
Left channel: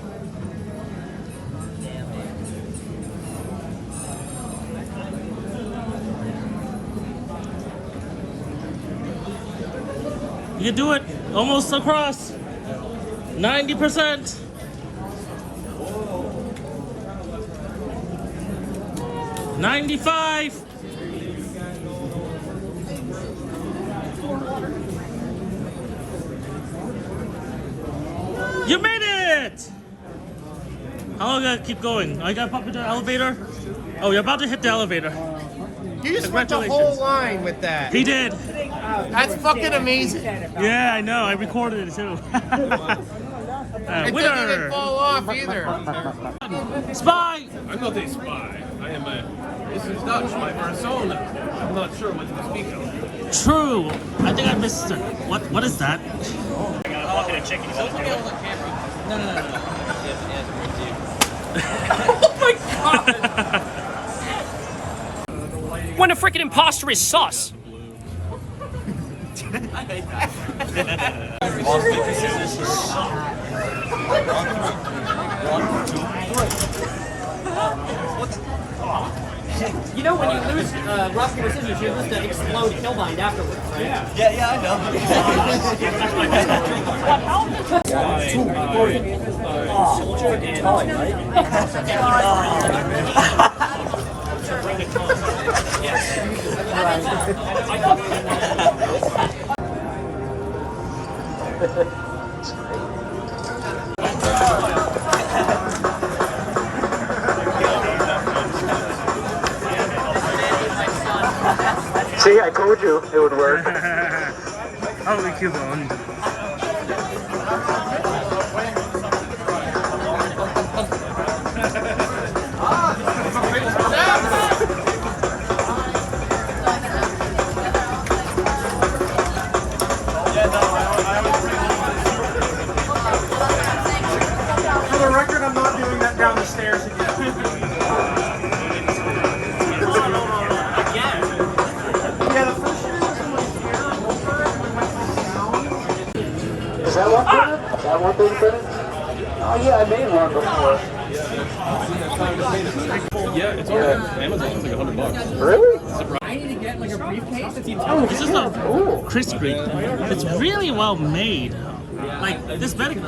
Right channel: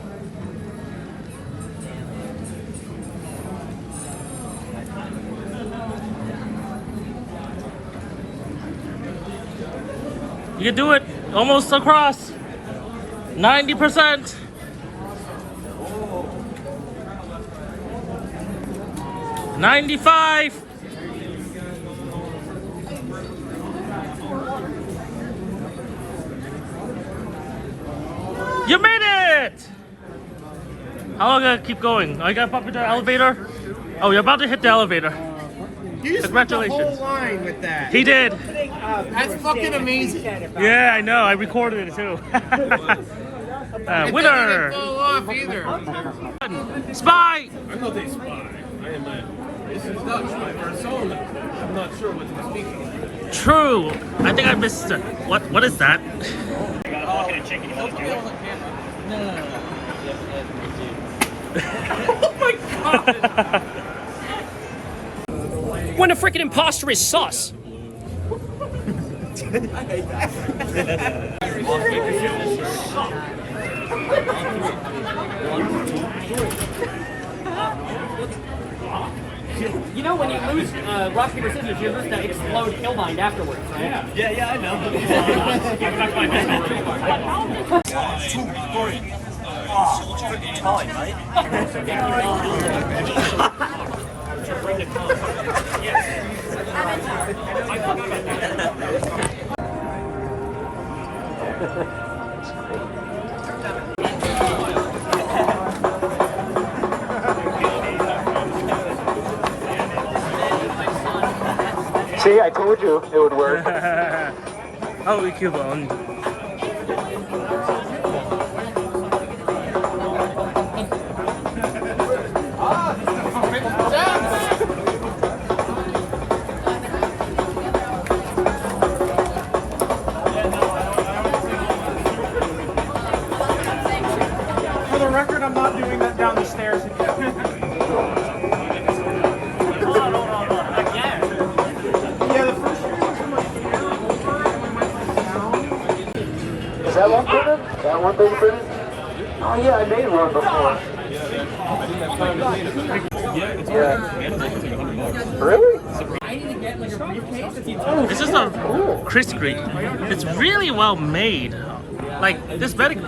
You can do it. Almost across. 90%. 95. You made it! How long I keep going? I gotta bump into the elevator? Oh, you're about to hit the elevator. You just went the whole line with that. He did. That's fucking amazing. Yeah, I know. I recorded it too. It Winner! didn't fall off either. Spy! I'm not a spy. I am a. This is Dutch, my persona. I'm not sure what to speak of. True. I think I missed it. What is that? I'm walking a chicken. You want to do it? No. When a freaking imposter is sus. You know, when you lose rock, paper, scissors, you lose the explode killbind afterwards, right? Yeah, I know. 2, 3. Oh, time, mate. Bring the car. Yes. See, I told you it would work. Holy Cubone. For the record, I'm not doing that down the stairs again. Yeah, the first year was in the Is that one thing? Is that one thing, Benny? Oh yeah, I made one before. Yeah, it's on Amazon. It's like $100. Really? It's just a crispy. It's really well made. Like this bedding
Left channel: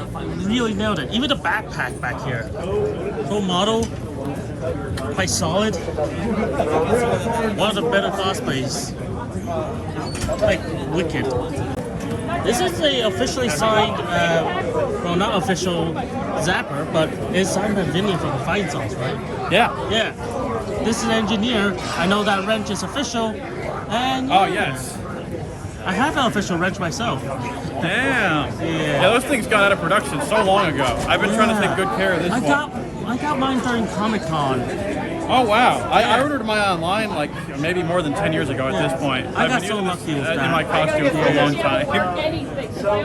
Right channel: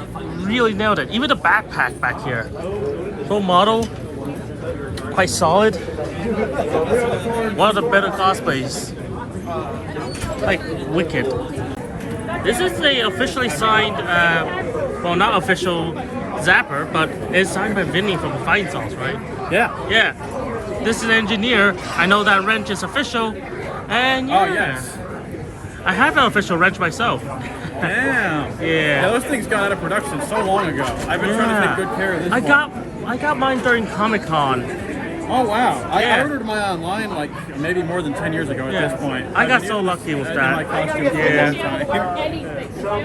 really nailed it. Even the backpack back here, full model, quite solid. One of the better cosplays. Like wicked. This is a officially signed, well not official Zapper, but it's signed by Vinny from Fine Sauce, right? Yeah. Yeah. This is an engineer. I know that wrench is official. And Oh, yeah, yes. I have an official wrench myself. Damn. Yeah. Yeah, those things got out of production so long ago. I've been trying to take good care of this I one. got mine during Comic-Con. Oh, wow. I Yeah. ordered mine online like maybe more than 10 years ago at this point. I I've got been so using lucky this with in that. my costume for a long time.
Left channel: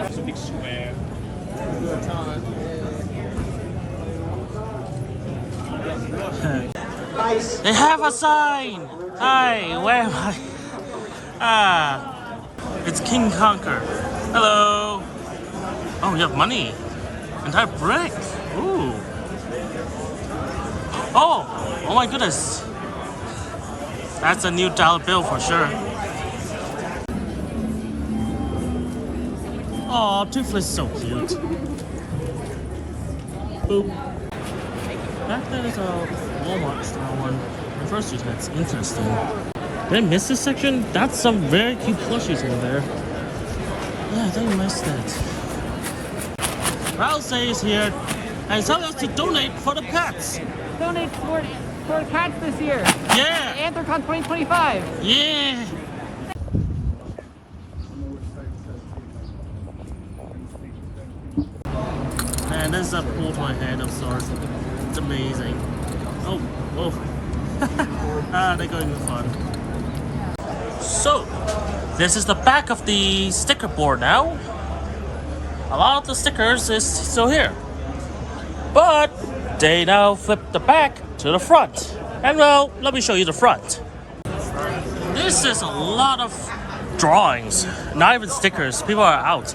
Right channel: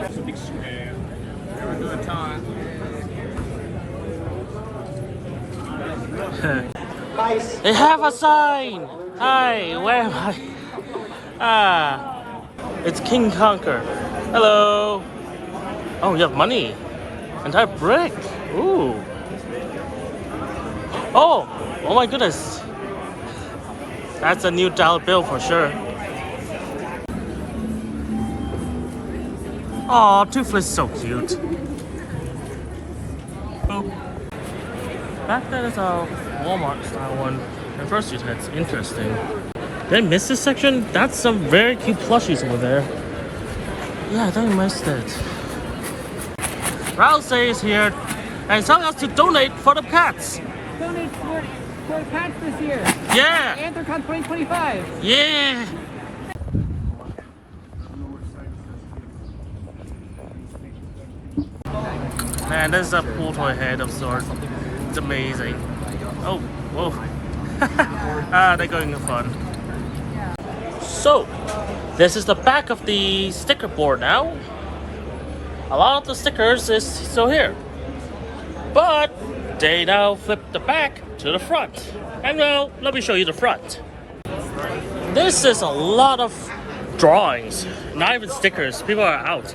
It's a big square. They have a sign! Hi, where am I? Ah, it's King Conquer. Hello! Oh, you have money. And that brick. Ooh. Oh my goodness. That's a new dollar bill for sure. Aw, Tooth is so cute. Boop. Back there's a Walmart style one. And Fursuit, that's interesting. Did I miss this section? That's some very cute plushies over there. Yeah, I think I missed it. Rouse is here and tell us to donate for the pets. Donate for cats this year. Yeah! Anthrocon 2025. Yeah! Man, this is a pool toy head of sorts. It's amazing. Oh, whoa. They're going to fun. So, this is the back of the sticker board now. A lot of the stickers is still here. But they now flip the back to the front. And well, let me show you the front. This is a lot of drawings, not even stickers. People are out.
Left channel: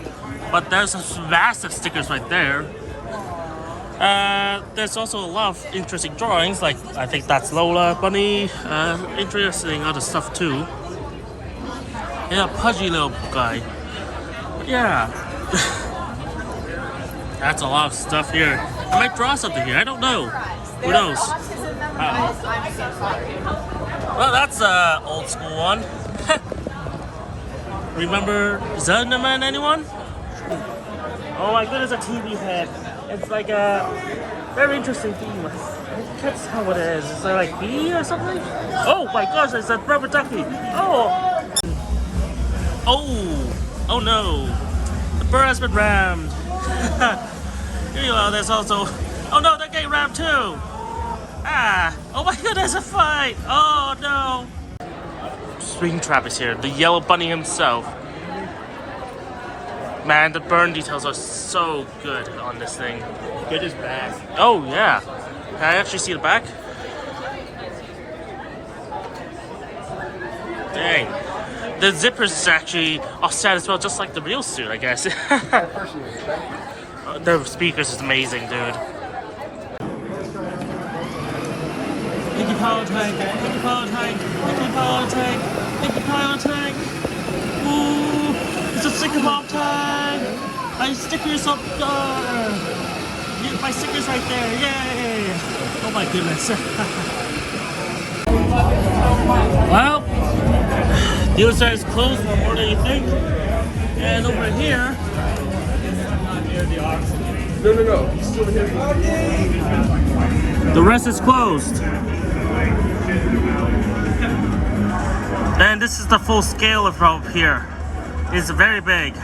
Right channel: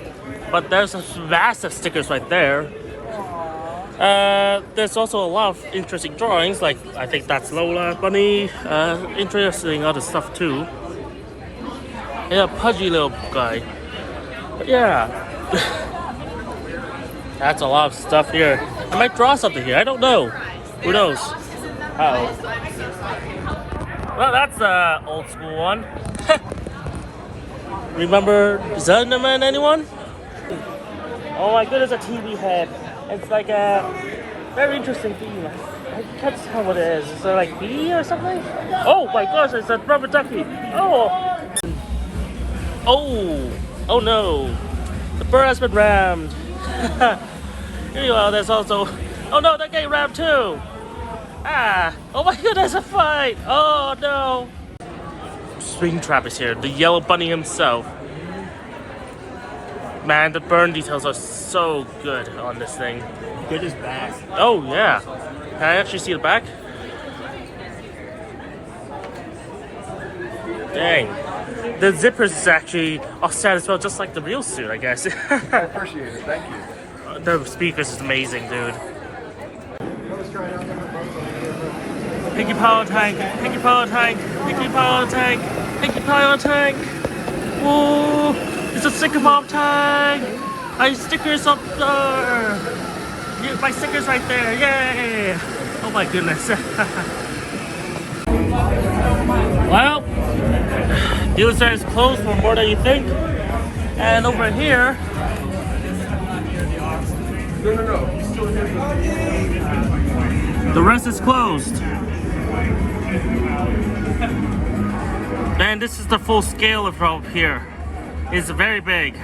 But there's a vast of stickers right there. There's also a lot of interesting drawings, like I think that's Lola Bunny. Interesting other stuff too. And a pudgy little guy. But yeah. That's a lot of stuff here. I might draw something here. I don't know. Who knows? Uh-oh. Well, that's an old school one. Remember Zunderman, anyone? Oh my goodness, a TV head. It's like a very interesting theme. I can't tell what it is. Is there like bee or something? Oh my gosh, it's a rubber ducky. Oh no. The bird has been rammed. Meanwhile, there's also... Oh no, they're getting rammed too. Oh my goodness, a fight. Oh no. Springtrap is here, the yellow bunny himself. Man, the burn details are so good on this thing. Good as back. Oh yeah. Can I actually see the back? Dang. The zippers is actually offset as well, just like the real suit, I guess. I appreciate it. Thank you. The speakers is amazing, dude. Pinkie Pie Tank, Pinkie Pie Tank, Pinkie Pie Tank, Pinkie Pie Tank. Ooh, it's a sticker pop tank. I stickers up there. My stickers right there, yay! Oh my goodness. Well, you said it's closed for more than you think. And over here, the rest is closed. And this is the full scale of up here. It's very big.